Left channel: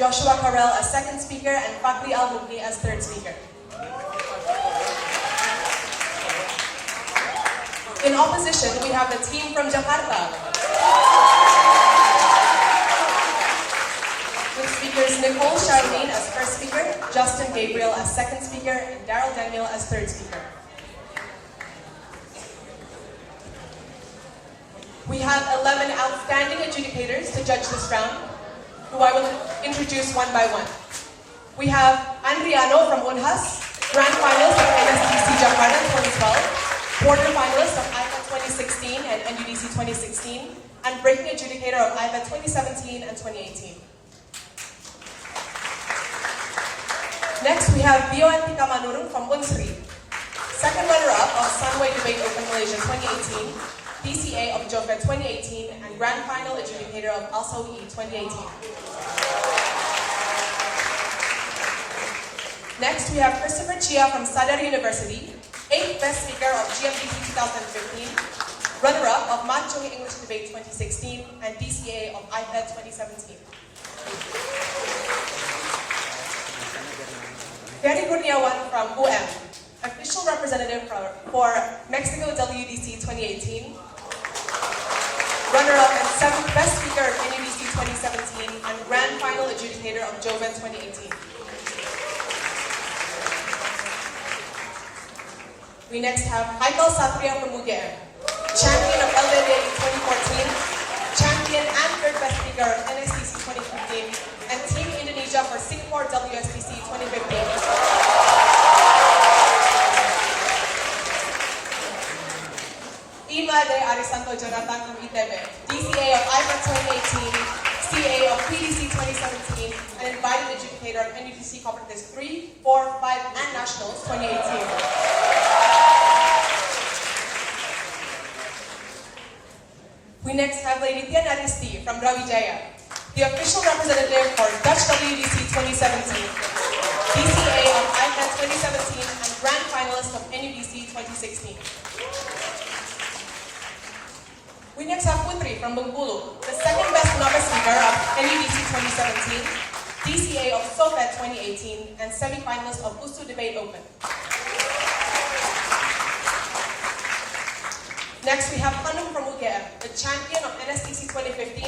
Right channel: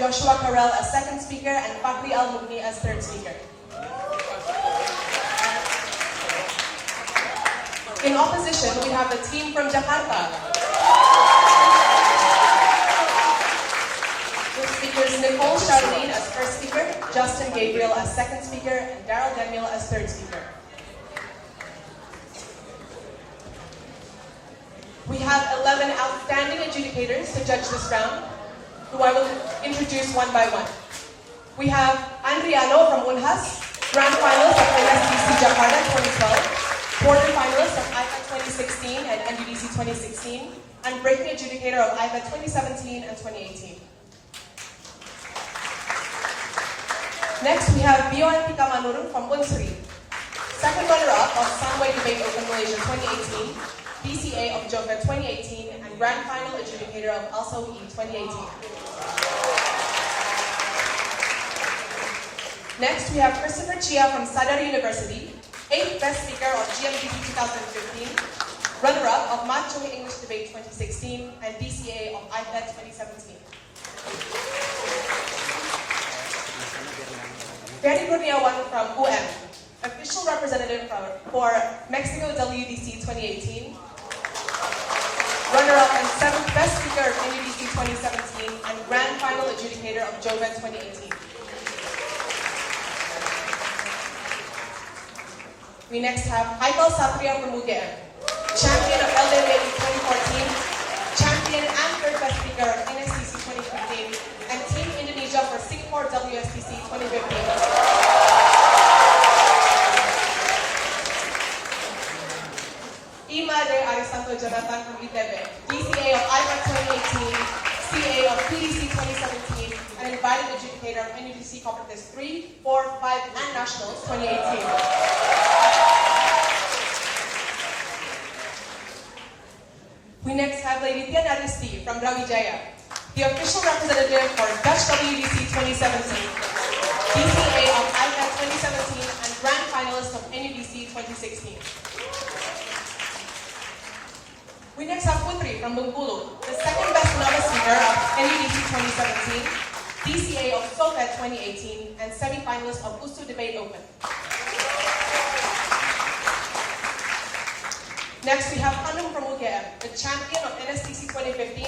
Joshua Karel as second speaker, and Fakri Al-Mugni as third speaker. In opposition, we have the team from Jakarta. With speakers Nicole Charlene as first speaker, Justin Gabriel as second speaker, and Daryl Daniel as third speaker. We have 11 outstanding adjudicators to judge this round, who I will introduce one by one. We have Andriano from Unhas, grand finalist of NSDC Jakarta 2012, quarterfinalist of IFA 2016 and NUDC 2016, and breaking adjudicator of IFA 2017 and 2018. Next, we have Bioan Tika Manurung from Unsri, second runner-up of Sunway Debate Open Malaysia 2018, BCA of Jova 2018, and grand final adjudicator of Also E 2018. Next, we have Christopher Chia from Sadar University, 8th best speaker of GMDC 2015, runner-up of Manchung English Debate 2016, and BCA of IFED 2017. Gary Kurniawan from UM, official representative for Mexico WDC 2018, runner-up and 7th best speaker of NUDC 2017, and grand final adjudicator of Joven 2018. We next have Haikal Satria from UGM, champion of LDA 2014, champion and third best speaker of NSDC 2015, and Team Indonesia for Singapore WSDC 2015. Ima de Arisanto Jonathan from ITB, DCA of IFA 2018, CA of PDC 2017, and invited adjudicator of NUDC Conferences 3, 4, 5, and Nationals 2018. We next have Lady Tian Aristi from Brawijaya, the official representative for Dutch WDC 2017, DCA of IFA 2017, and grand finalist of NUDC 2016. We next have Putri from Bengkulu, the second best novice speaker of NUDC 2017, DCA of SOFET 2018, and semi-finalist of USU Debate Open. Next, we have Hanum from UGM, the champion of NSDC 2015,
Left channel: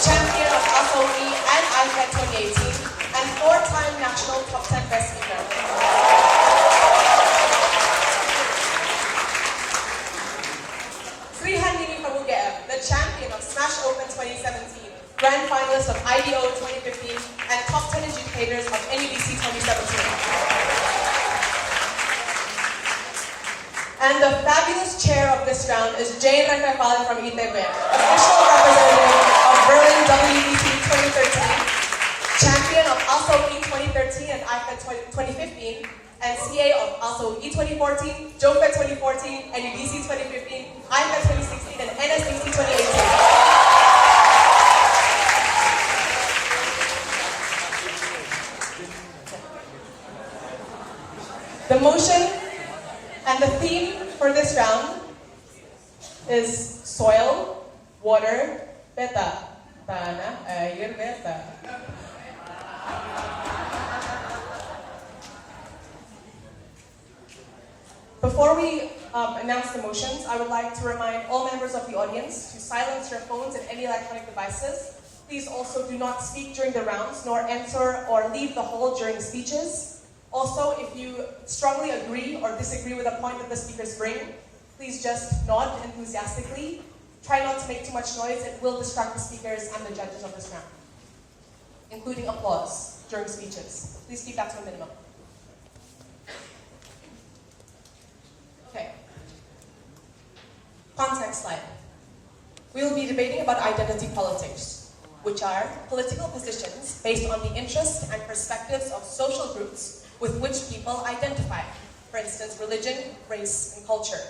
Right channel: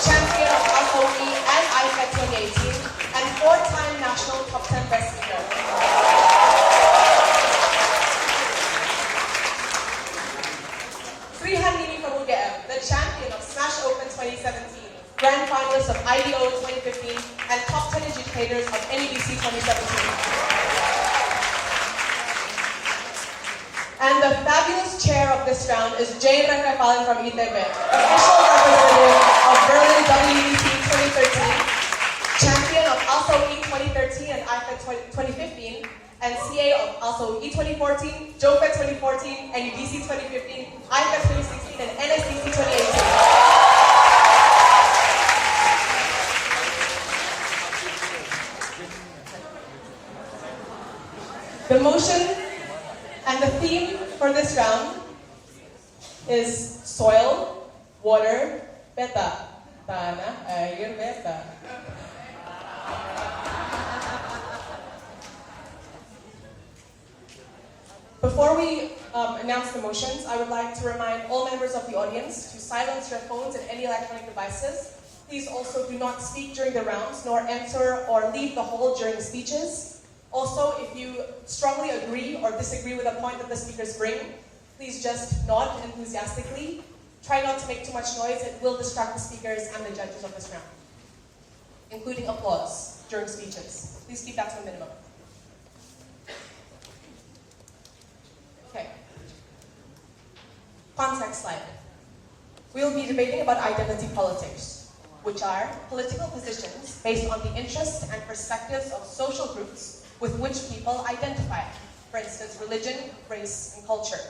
champion of SOE and IFED 2018, and 4-time national top 10 best speaker. Srihan Nini from UGM, the champion of Smash Open 2017, grand finalist of IDO 2015, and top 10 adjudicators of NUDC 2017. And the fabulous chair of this round is Jay Rangakalan from ITB, official representative of Berlin WDC 2013, champion of Also E 2013 and IFA 2015, and CA of Also E 2014, JOFET 2014, and UDC 2015, IFA 2016, and NSDC 2018. The motion and the theme for this round is soil, water, beta. Tanah, air, beta. Before we announce the motions, I would like to remind all members of the audience to silence your phones and any electronic devices. Please also do not speak during the rounds, nor enter or leave the hall during the speeches. Also, if you strongly agree or disagree with a point that the speakers bring, please just nod enthusiastically. Try not to make too much noise. It will distract the speakers and the judges of this round, including applause during speeches. Please keep that to a minimum. Okay. Context slide. We will be debating about identity politics, which are political positions based on the interests and perspectives of social groups with which people identify, for instance, religion, race, and culture.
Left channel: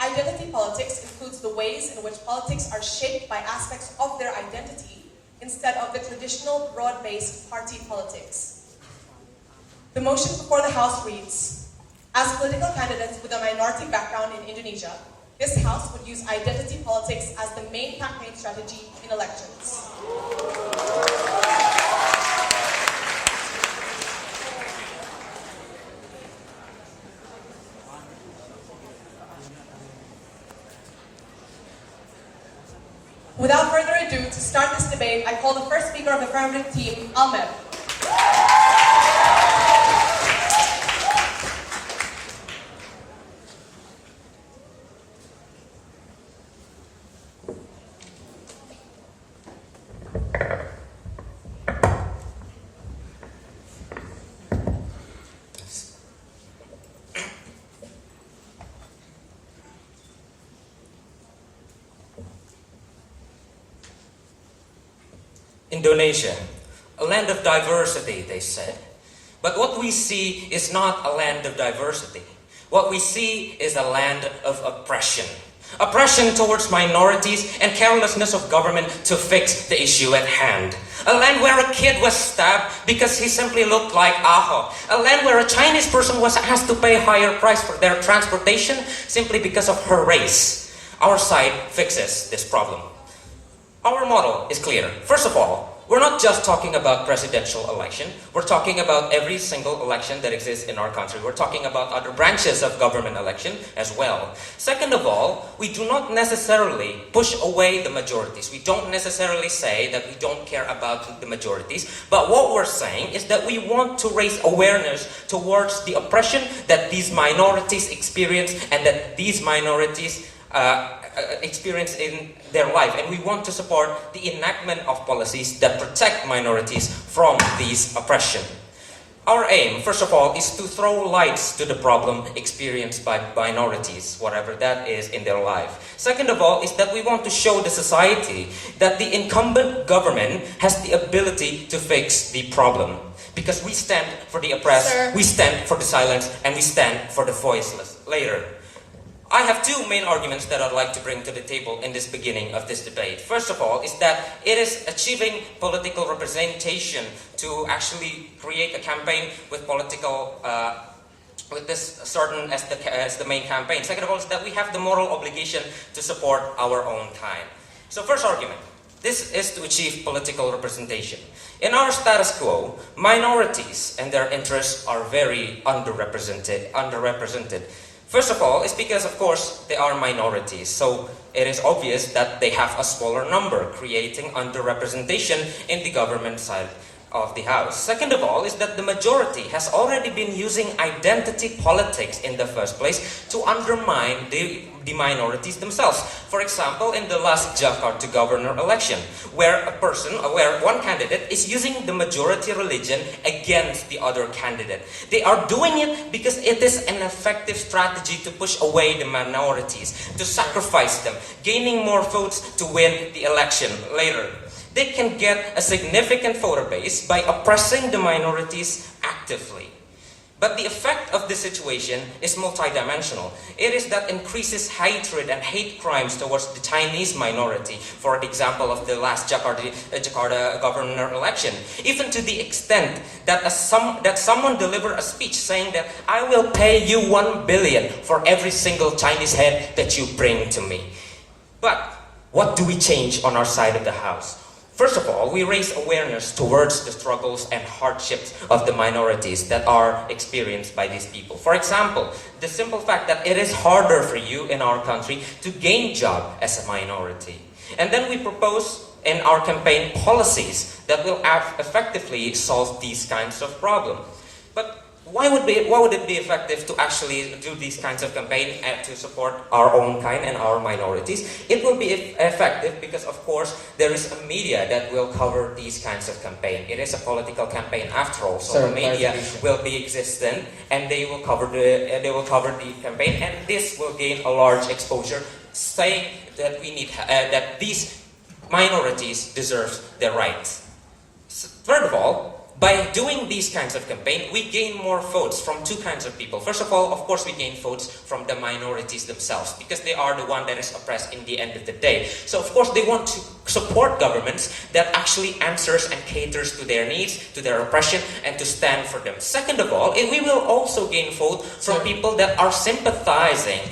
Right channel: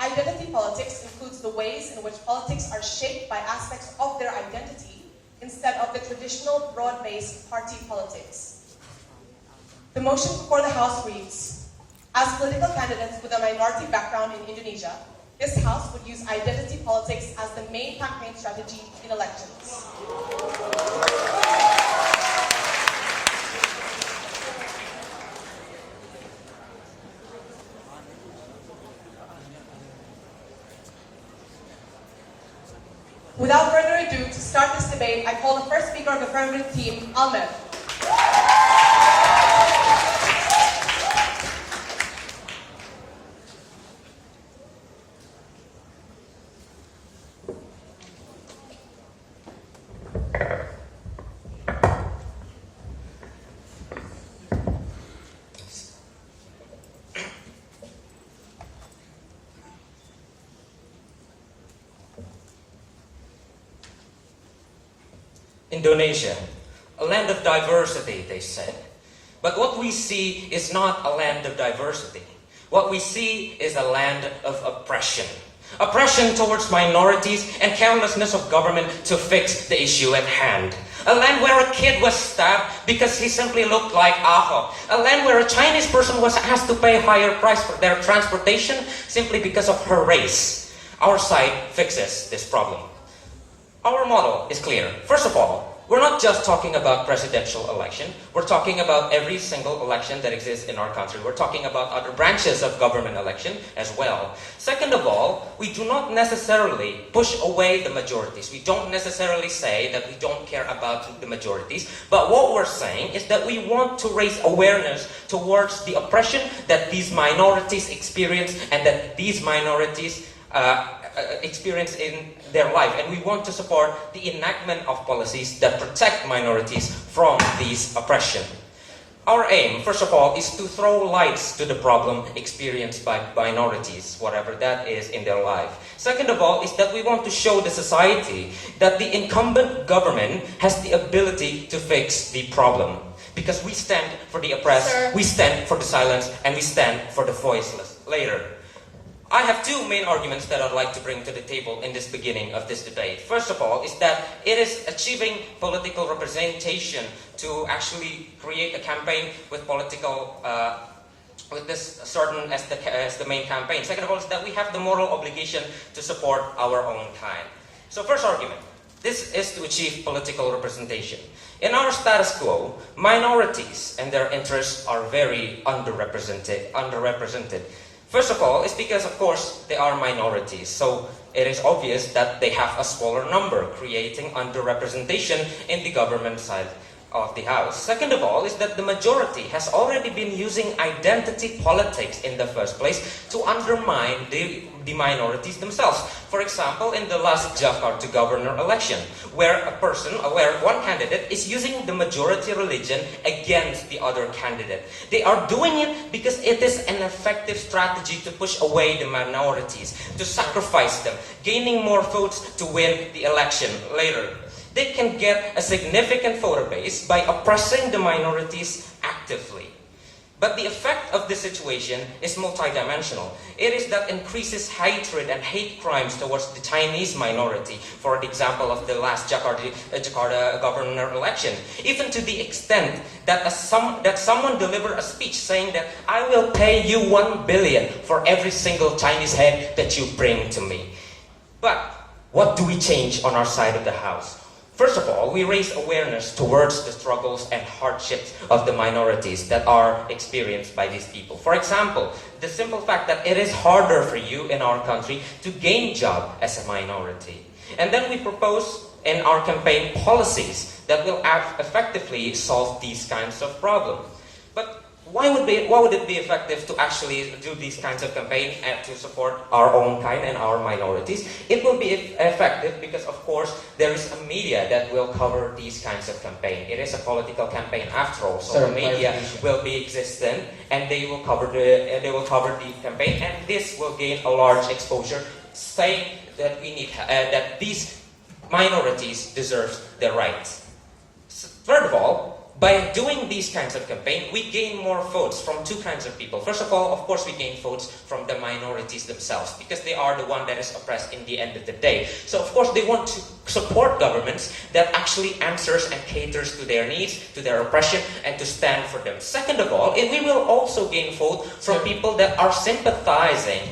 Identity politics includes the ways in which politics are shaped by aspects of their identity instead of the traditional broad-based party politics. The motion before the House reads, as political candidates with a minority background in Indonesia, this House would use identity politics as the main campaign strategy in elections. Without further ado, to start this debate, I call the first speaker of the affirmative team, Ahmed. Indonesia, a land of diversity, they said. But what we see is not a land of diversity. What we see is a land of oppression. Oppression towards minorities and carelessness of government to fix the issue at hand. A land where a kid was stabbed because he simply looked like Aho. A land where a Chinese person was asked to pay higher price for their transportation simply because of her race. Our side fixes this problem. Our model is clear. First of all, we're not just talking about presidential election. We're talking about every single election that exists in our country. We're talking about other branches of government election as well. Second of all, we do not necessarily push away the majorities. We don't necessarily say that we don't care about the majorities. But what we're saying is that we want to raise awareness towards the oppression that these minorities experience and that these minorities experience in their life, and we want to support the enactment of policies that protect minorities from these oppression. Our aim, first of all, is to throw lights to the problem experienced by minorities, whatever that is in their life. Second of all, is that we want to show the society that the incumbent government has the ability to fix the problem. Because we stand for the oppressed, Sir. We stand for the silence, and we stand for the voiceless. Later, I have two main arguments that I'd like to bring to the table in this beginning of this debate. First of all, is that it is achieving political representation to actually create a campaign with political, with this certain as the main campaign. Second of all, is that we have the moral obligation to support our own kind. So first argument, this is to achieve political representation. In our status quo, minorities and their interests are very underrepresented. First of all, it's because, of course, they are minorities. So it is obvious that they have a smaller number, creating underrepresentation in the government side of the house. Second of all, is that the majority has already been using identity politics in the first place to undermine the minorities themselves. For example, in the last Jakarta governor election, where one candidate is using the majority religion against the other candidate. They are doing it because it is an effective strategy to push away the minorities, to sacrifice them, gaining more votes to win the election later. They can get a significant voter base by oppressing the minorities actively. But the effect of this situation is multidimensional. It is that increases hatred and hate crimes towards the Chinese minority, for example of the last Jakarta governor election, even to the extent that someone delivered a speech saying that I will pay you 1 billion for every single Chinese head that you bring to me. But what do we change on our side of the house? First of all, we raise awareness towards the struggles and hardships of the minorities that are experienced by these people. For example, the simple fact that it is harder for you in our country to gain job as a minority. And then we propose in our campaign policies that will effectively solve these kinds of problems. But why would it be effective to actually do these kinds of campaign and to support our own kind and our minorities? It will be effective because, of course, there is a media that will cover these kinds of campaign. It is a political campaign after all, so the media will be existent and they will cover the campaign, and this will gain a large exposure, saying that that these minorities deserve their rights. Third of all, by doing these kinds of campaign, we gain more votes from two kinds of people. First of all, of course, we gain votes from the minorities themselves, because they are the one that is oppressed in the end of the day. So, of course, they want to support governments that actually answers and caters to their needs, to their oppression, and to stand for them. Second of all, we will also gain vote from people that are sympathizing,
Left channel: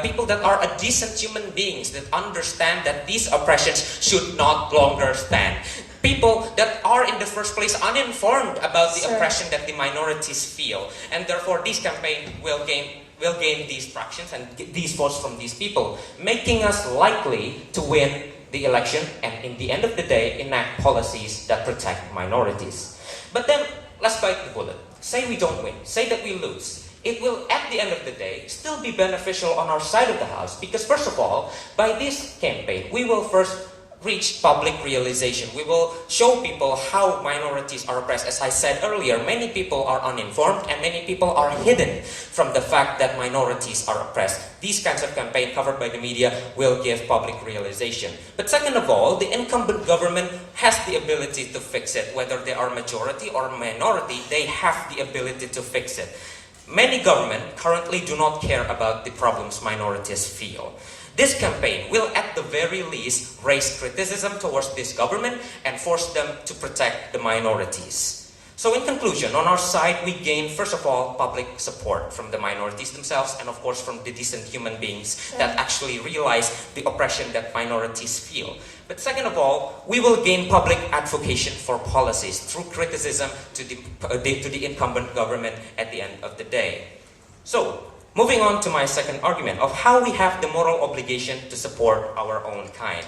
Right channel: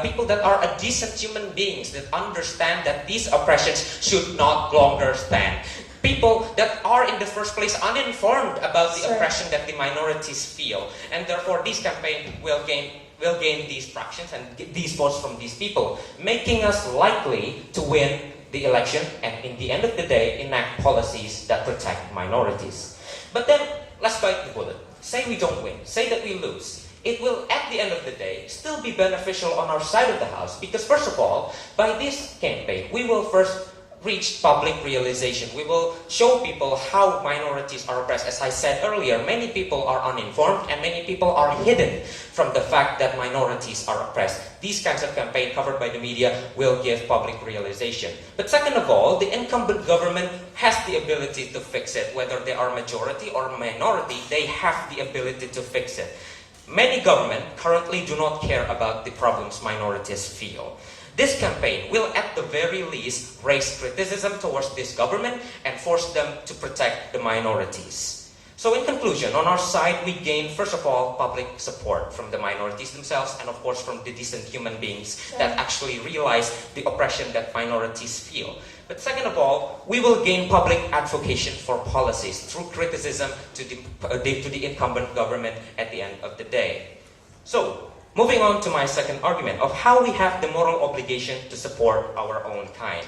people that are a decent human beings, that understand that these oppressions should not longer stand. People that are in the first place uninformed about the oppression that the minorities feel, and therefore this campaign will gain these fractions and these votes from these people, making us likely to win the election and in the end of the day enact policies that protect minorities. But then, let's bite the bullet. Say we don't win, say that we lose. It will, at the end of the day, still be beneficial on our side of the house because, first of all, by this campaign, we will first reach public realization. We will show people how minorities are oppressed. As I said earlier, many people are uninformed and many people are hidden from the fact that minorities are oppressed. These kinds of campaigns covered by the media will give public realization. But second of all, the incumbent government has the ability to fix it. Whether they are majority or minority, they have the ability to fix it. Many governments currently do not care about the problems minorities feel. This campaign will at the very least raise criticism towards this government and force them to protect the minorities. So in conclusion, on our side, we gain, first of all, public support from the minorities themselves and of course from the decent human beings that actually realize the oppression that minorities feel. But second of all, we will gain public advocacy for policies through criticism to the incumbent government at the end of the day. So, moving on to my second argument of how we have the moral obligation to support our own kind.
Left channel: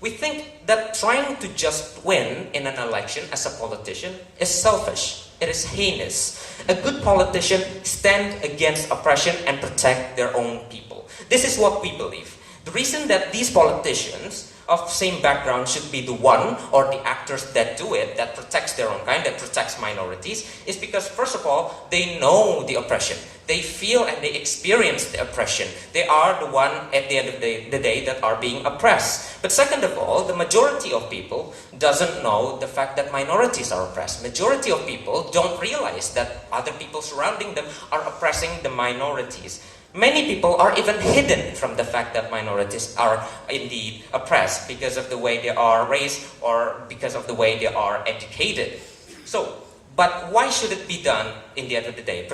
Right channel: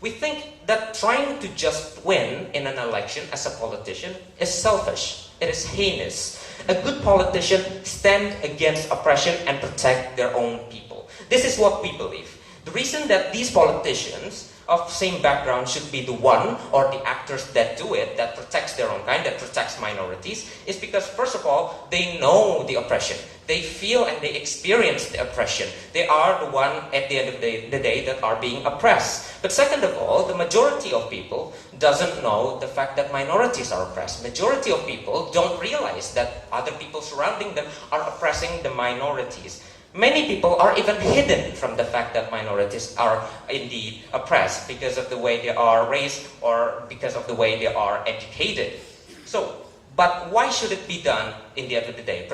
We think that trying to just win in an election as a politician is selfish. It is heinous. A good politician stands against oppression and protect their own people. This is what we believe. The reason that these politicians of same background should be the one or the actors that do it, that protects their own kind, that protects minorities, is because first of all, they know the oppression. They feel and they experience the oppression. They are the one at the end of the day that are being oppressed. But second of all, the majority of people doesn't know the fact that minorities are oppressed. Majority of people don't realize that other people surrounding them are oppressing the minorities. Many people are even hidden from the fact that minorities are indeed oppressed because of the way they are raised or because of the way they are educated. So, but why should it be done in the end of the day?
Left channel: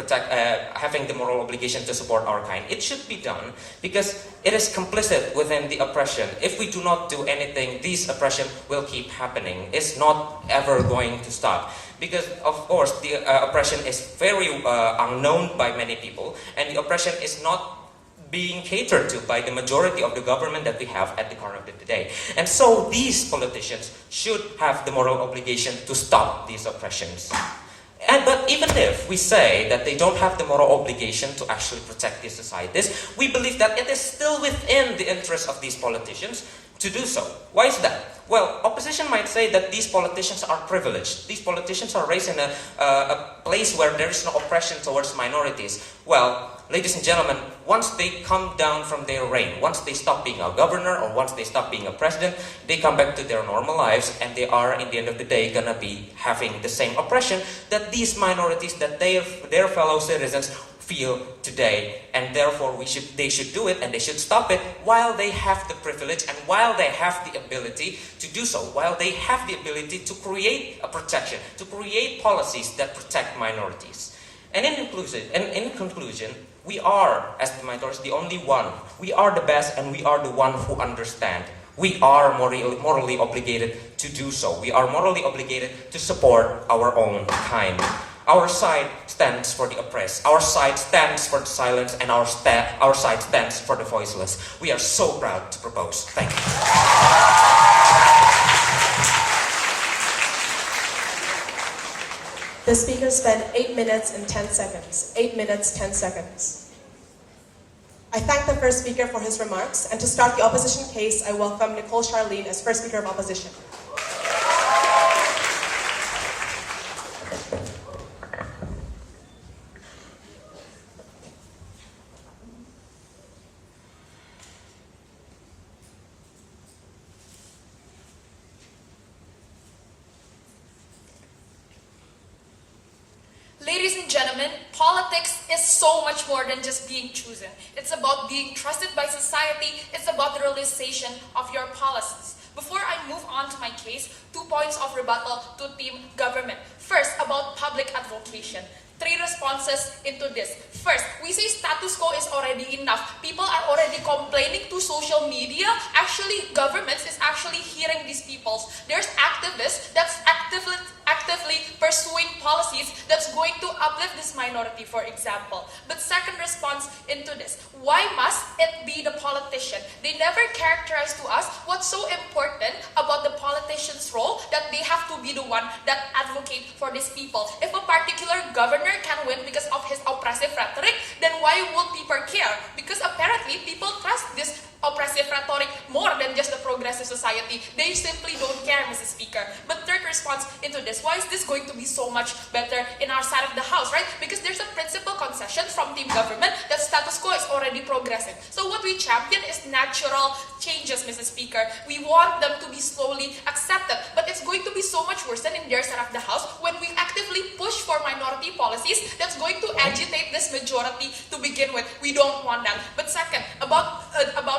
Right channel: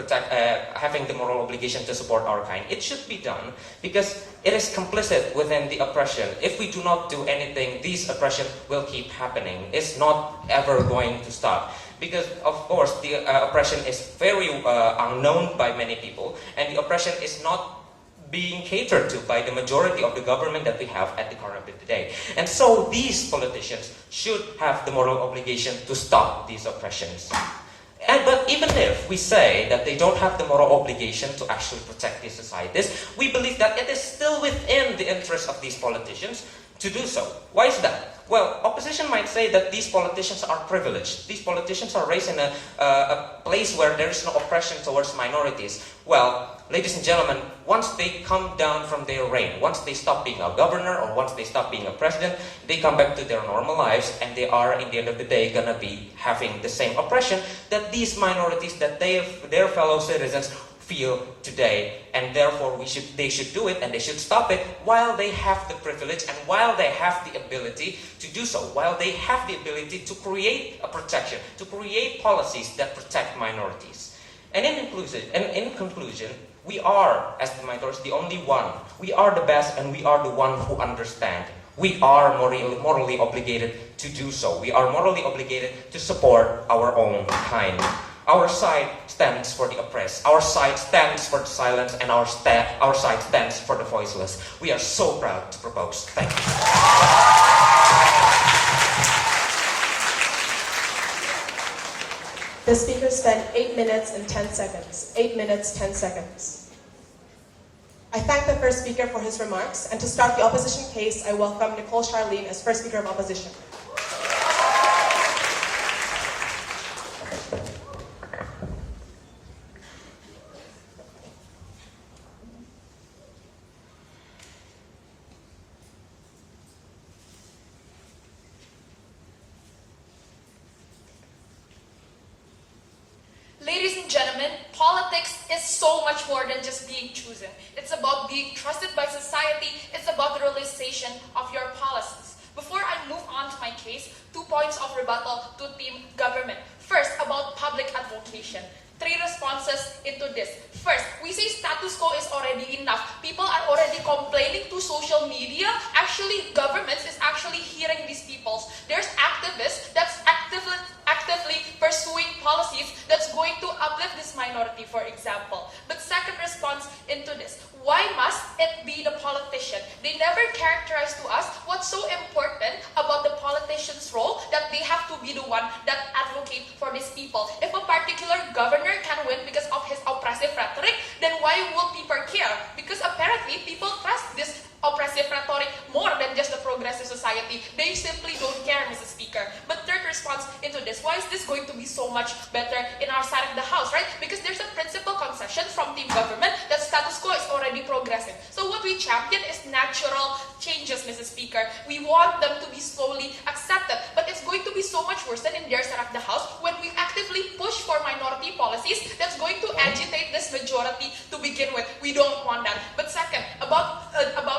Having the moral obligation to support our kind. It should be done because it is complicit within the oppression. If we do not do anything, this oppression will keep happening. It's not ever going to stop. Because, of course, the oppression is very unknown by many people, and the oppression is not being catered to by the majority of the government that we have at the current of the day. And so these politicians should have the moral obligation to stop these oppressions. But even if we say that they don't have the moral obligation to actually protect these societies, we believe that it is still within the interest of these politicians to do so. Why is that? Well, opposition might say that these politicians are privileged. These politicians are raised in a place where there is no oppression towards minorities. Well, ladies and gentlemen, once they come down from their reign, once they stop being a governor or once they stop being a president, they come back to their normal lives and they are, in the end of the day, gonna be having the same oppression that these minorities, that their fellow citizens feel today, and therefore they should do it and they should stop it while they have the privilege and while they have the ability to do so, while they have the ability to create a protection, to create policies that protect minorities. And in conclusion, we are, as the minorities, the only one. We are the best and we are the one who understand. We are morally obligated to do so. We are morally obligated to support our own kind. Our side stands for the oppressed. Our side stands for the silence, and our side stands for the voiceless. We are so proud to propose. Thank you. The speaker spent 8 minutes and 10 seconds. 8 minutes, 10 seconds. I thank the first speaker for his remarks, and to start the opposition case, I welcome Nicole Charlene as first speaker of opposition. Ladies and gentlemen, politics is so much more than just being chosen. It's about being trusted by society. It's about the realization of your policies. Before I move on to my case, 2 points of rebuttal to team government. First, about public advocation. 3 responses into this. First, we say status quo is already enough. People are already complaining to social media. Actually, governments is actually hearing these people. There's activists that's actively pursuing policies that's going to uplift this minority. minority, for example. But second response into this, why must it be the politician? They never characterize to us what's so important about the politician's role that they have to be the one that advocate for these people. If a particular governor can win because of his oppressive rhetoric, then why would people care? Because apparently people trust this oppressive rhetoric more than just the progressive society. They simply don't care, Mrs. Speaker. But third response into this, why is this going to be so much better in our side of the house, right? Because there's a principal concession from team government that status quo is already progressive. So what we champion is natural changes, Mrs. Speaker. We want them to be slowly accepted, but it's going to be so much worse than in their side of the house when we actively push for minority policies that's going to agitate this majority to begin with. We don't want that. But second, about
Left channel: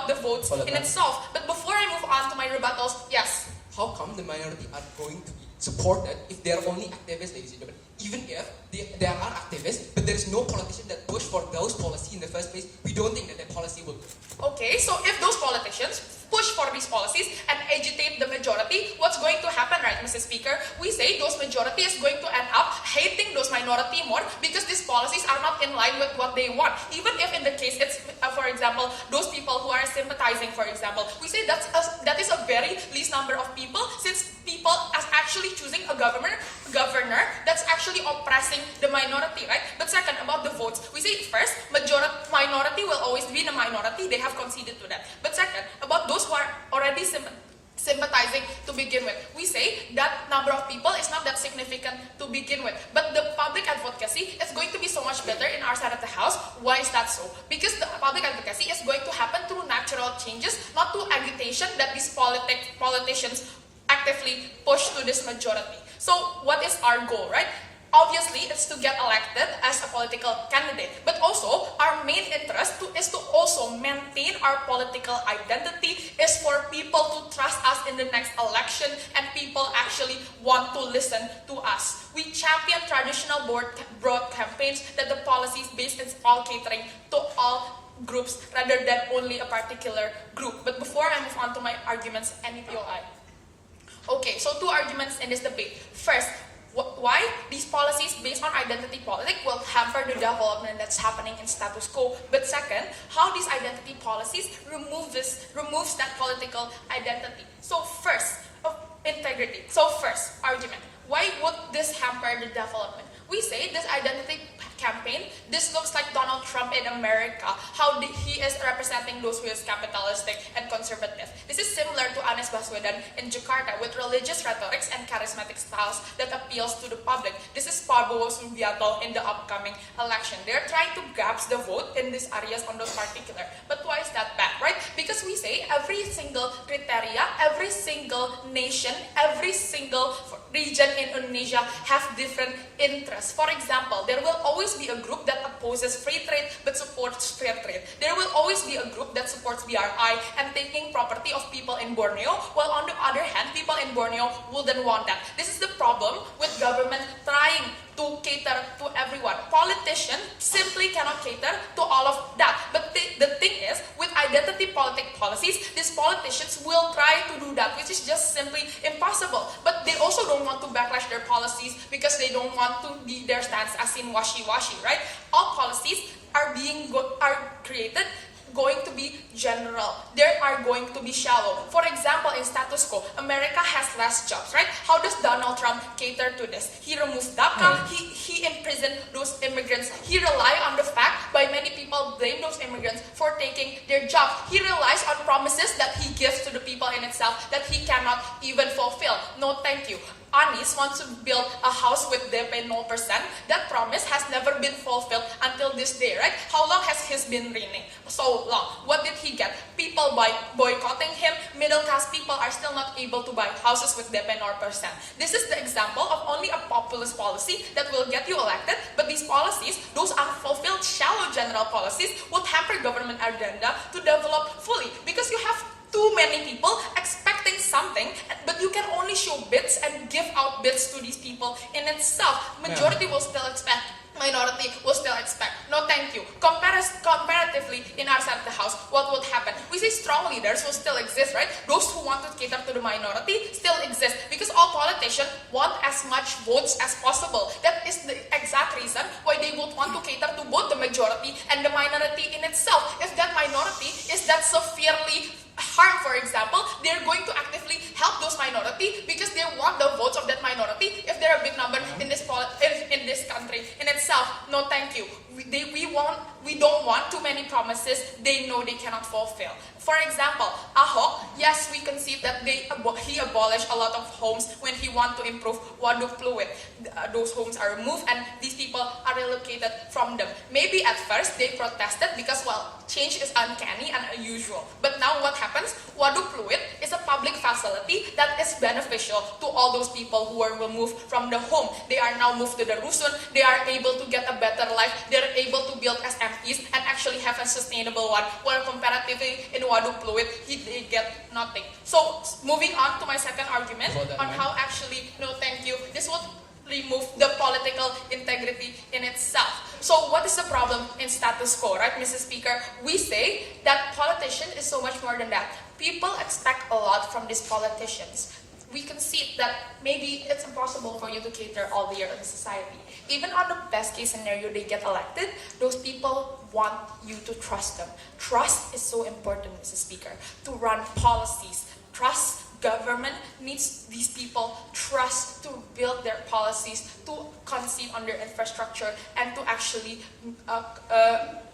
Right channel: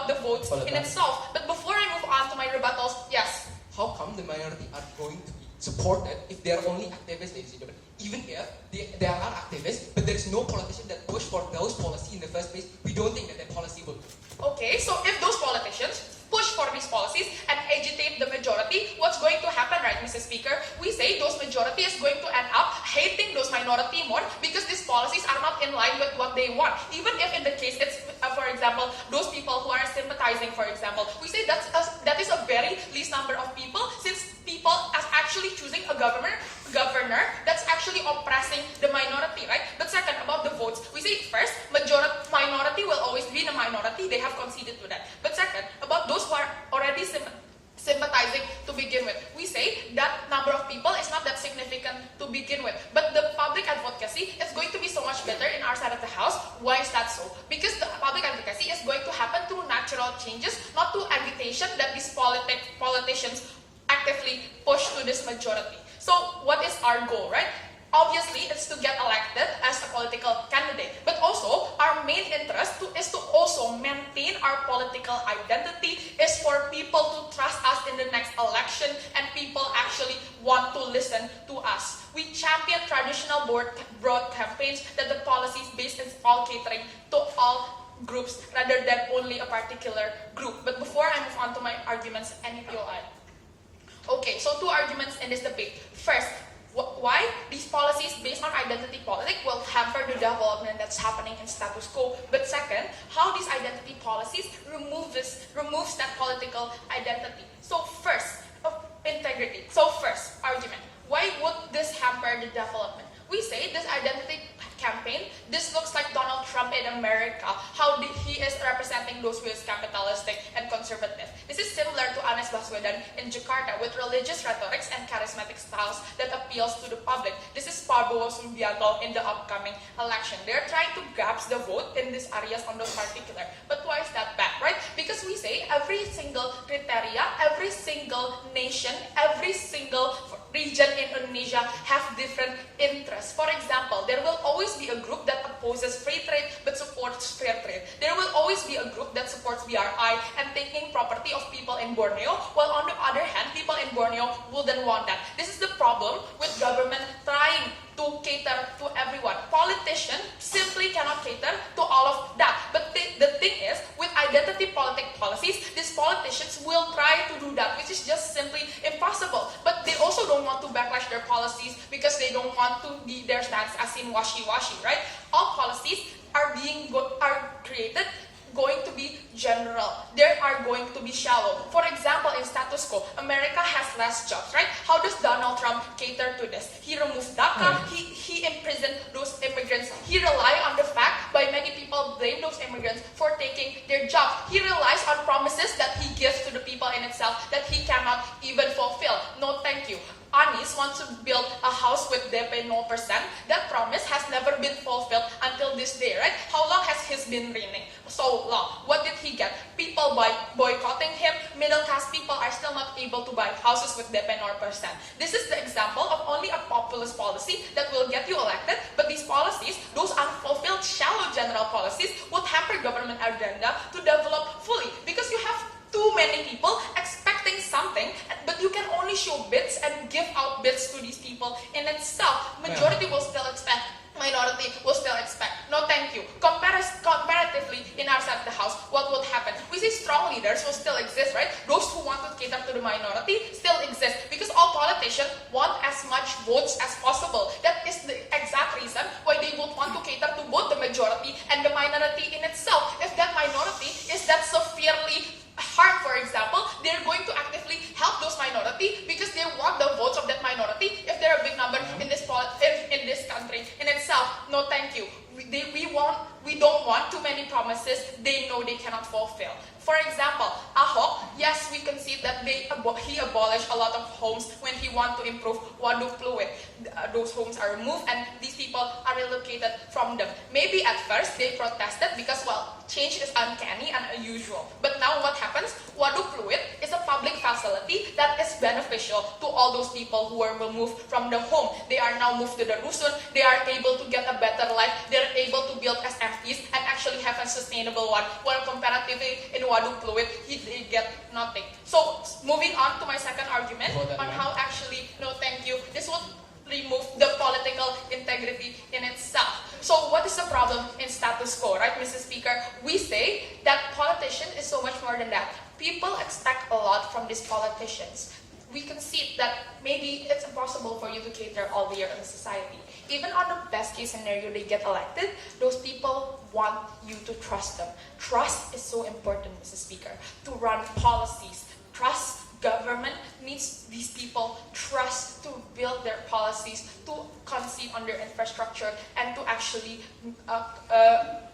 the votes in itself. But before I move on to my rebuttals, yes. How come the minority are going to be supported if they are only activists, ladies and gentlemen? Even if there are activists, but there is no politician that push for those policies in the first place, we don't think that policy will. Okay, so if those politicians push for these policies and agitate the majority, what's going to happen, right, Mrs. Speaker? We say those majority is going to end up hating those minority more because these policies are not in line with what they want. Even if in the case it's, for example, those people who are sympathizing, for example, we say that is a very least number of people, since people are actually choosing a governor that's actually oppressing the minority, right? But second, about the votes, we say first, minority will always be the minority. They have conceded to that. But second, about those who are already sympathizing to begin with, we say that number of people is not that significant to begin with. But the public advocacy is going to be so much better in our side of the house. Why is that so? Because the public advocacy is going to happen through natural changes, not through agitation that these politicians actively push to this majority. So what is our goal, right? Obviously, it's to get elected as a political candidate. But also, our main interest is to also maintain our political identity, is for people to trust us in the next election, and people actually want to listen to us. We champion traditional broad campaigns that the policies based in all catering to all groups rather than only a particular group. But before I move on to my arguments, NEPOI. Okay, so two arguments in this debate. First, why these policies based on identity politics will hamper the development that's happening in status quo. But second, how these identity policies removes that political identity. So first, integrity. So first, argument. Why would this hamper the development? We say this identity campaign, this looks like Donald Trump in America, how he is representing those who is capitalistic and conservative. This is similar to Anies Baswedan in Jakarta with religious rhetorics and charismatic styles that appeals to the public. This is Prabowo Subianto in the upcoming election. They're trying to grab the vote in these areas on those particular. But why is that bad, right? Because we say every single criteria, every single nation, every single region in Indonesia have different interests. For example, there will always be a group that opposes free trade but supports fair trade. There will always be a group that supports BRI and taking property of people in Borneo, while on the other hand, people in Borneo wouldn't want that. This is the problem with government trying to cater to everyone. Politicians simply cannot cater to all of that. But the thing is, with identity policies, these politicians will try to do that, which is just simply impossible. But they also don't want to backlash their policies because they don't want to be their stance as in washi-washi, right? All policies are created going to be general. They are going to be shallow. For example, in status quo, America has less jobs, right? How does Donald Trump cater to this? He removes DACA, he imprisoned those immigrants. He relies on the fact by many people blame those immigrants for taking their jobs. He relies on promises that he gives to the people in itself that he cannot even fulfill. No, thank you. Anies wants to build a house with DP 0%. That promise has never been fulfilled until this day, right? How long has he been reigning? So long. What did he get? People boycotting him. Middle class people are still not able to buy houses with DP 0%. This is the example of only a populist policy that will get you elected, but these policies, those unfulfilled, shallow general policies, would hamper government agenda to develop fully because you have too many people expecting something, but you can only show bits and give out bits to these people in itself. Majority will still expect, minority will still expect. No, thank you. Comparatively, in our side of the house, what would happen? We say strongly that leaders will still exist, right? Those who want to cater to the minority still exist because all politicians want as much votes as possible. That is the exact reason why they would want to cater to both the majority and the minority in itself. If that minority is that severely harmed, for example, they're going to actively help those minority because they want the votes of that minority. If they're a big number in this country in itself, no, thank you. We don't want too many promises they know they cannot fulfill. For example, Ahok, yes, we concede that he abolished a lot of homes when he wanted to improve Waduk Pluit. Those homes are removed and these people are relocated from them. Maybe at first they protested because, well, change is uncanny and unusual. But now what happens? Waduk Pluit is a public facility that is beneficial to all those people who were removed from the home. They are now moved to the Rusun. They are able to get a better life. They're able to build SMEs and actually have a sustainable one. While comparatively in Waduk Pluit, they get nothing. So moving on to my second argument on how actually, no thank you, this would remove the political integrity in itself. So what is the problem in status quo, right, Mrs. Speaker? We say that politician is so much more than that. People expect a lot from these politicians. We concede that maybe it's impossible for you to cater all the year in society. Even on the best case scenario they get elected, those people want you to trust them. Trust is so important, Mrs. Speaker, to run policies. Trust government needs these people trust to build their policies, to concede on their infrastructure, and to actually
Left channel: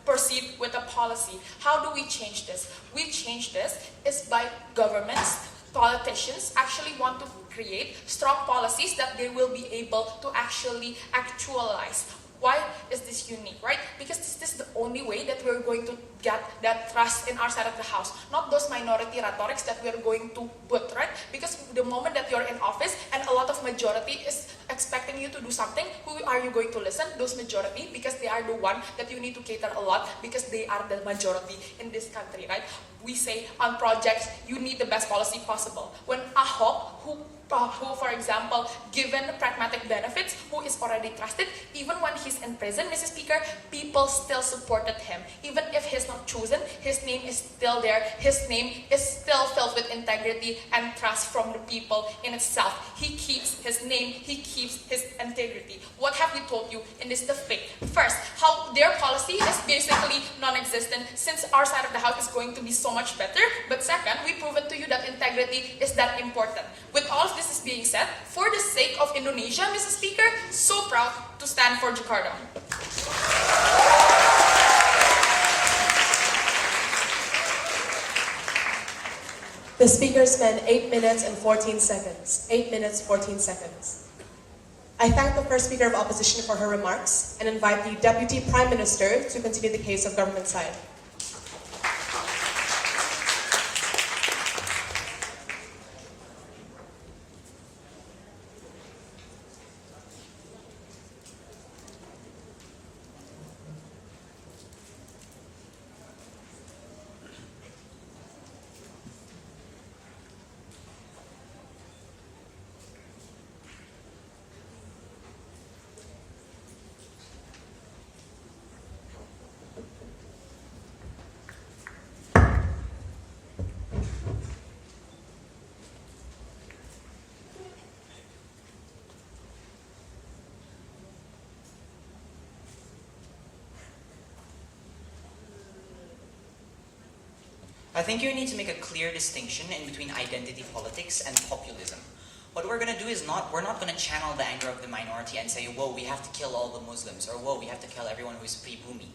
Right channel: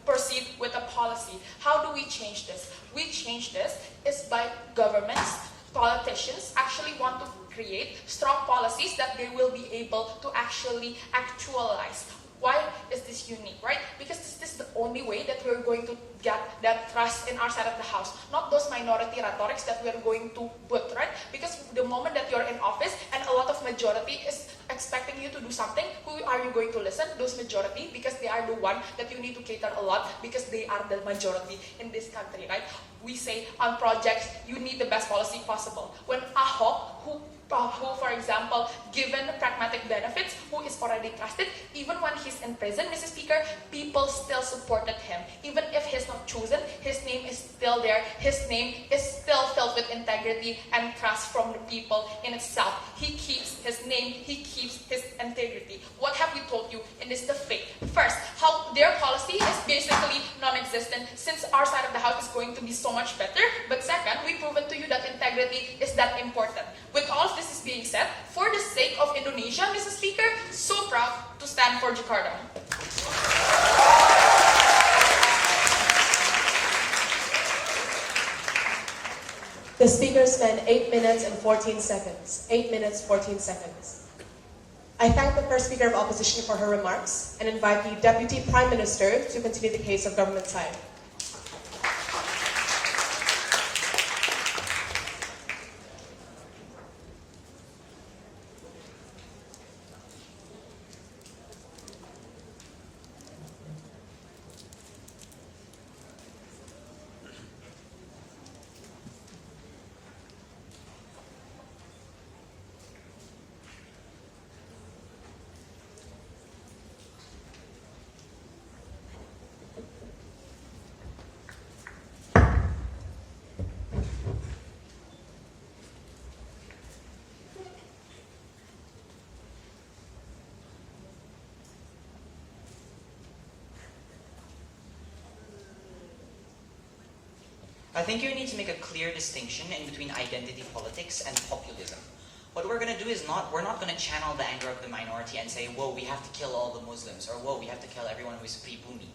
proceed with a policy. How do we change this? We change this is by governments, politicians actually want to create strong policies that they will be able to actually actualize. Why is this unique, right? Because this is the only way that we're going to get that trust in our side of the house. Not those minority rhetorics that we're going to put, right? Because the moment that you're in office and a lot of majority is expecting you to do something, who are you going to listen? Those majority, because they are the one that you need to cater a lot because they are the majority in this country, right? We say on projects, you need the best policy possible. When Ahok, who, for example, given pragmatic benefits, who is already trusted, even when he's in prison, Mrs. Speaker, people still supported him. Even if he's not chosen, his name is still there. His name is still filled with integrity and trust from the people in itself. He keeps his name, he keeps his integrity. What have we told you in this debate? First, how their policy is basically non-existent since our side of the house is going to be so much better. But second, we've proven to you that integrity is that important. With all of this is being said, for the sake of Indonesia, Mrs. Speaker, so proud to stand for Jakarta. The speaker spent 8 minutes and 14 seconds. 8 minutes, 14 seconds. I thank the first speaker of opposition for her remarks and invite the Deputy Prime Minister to continue the case of government side. I think you need to make a clear distinction in between identity politics and populism. What we're going to do is we're not going to channel the anger of the minority and say, whoa, we have to kill all the Muslims, or whoa, we have to kill everyone who is pre-Bhumi.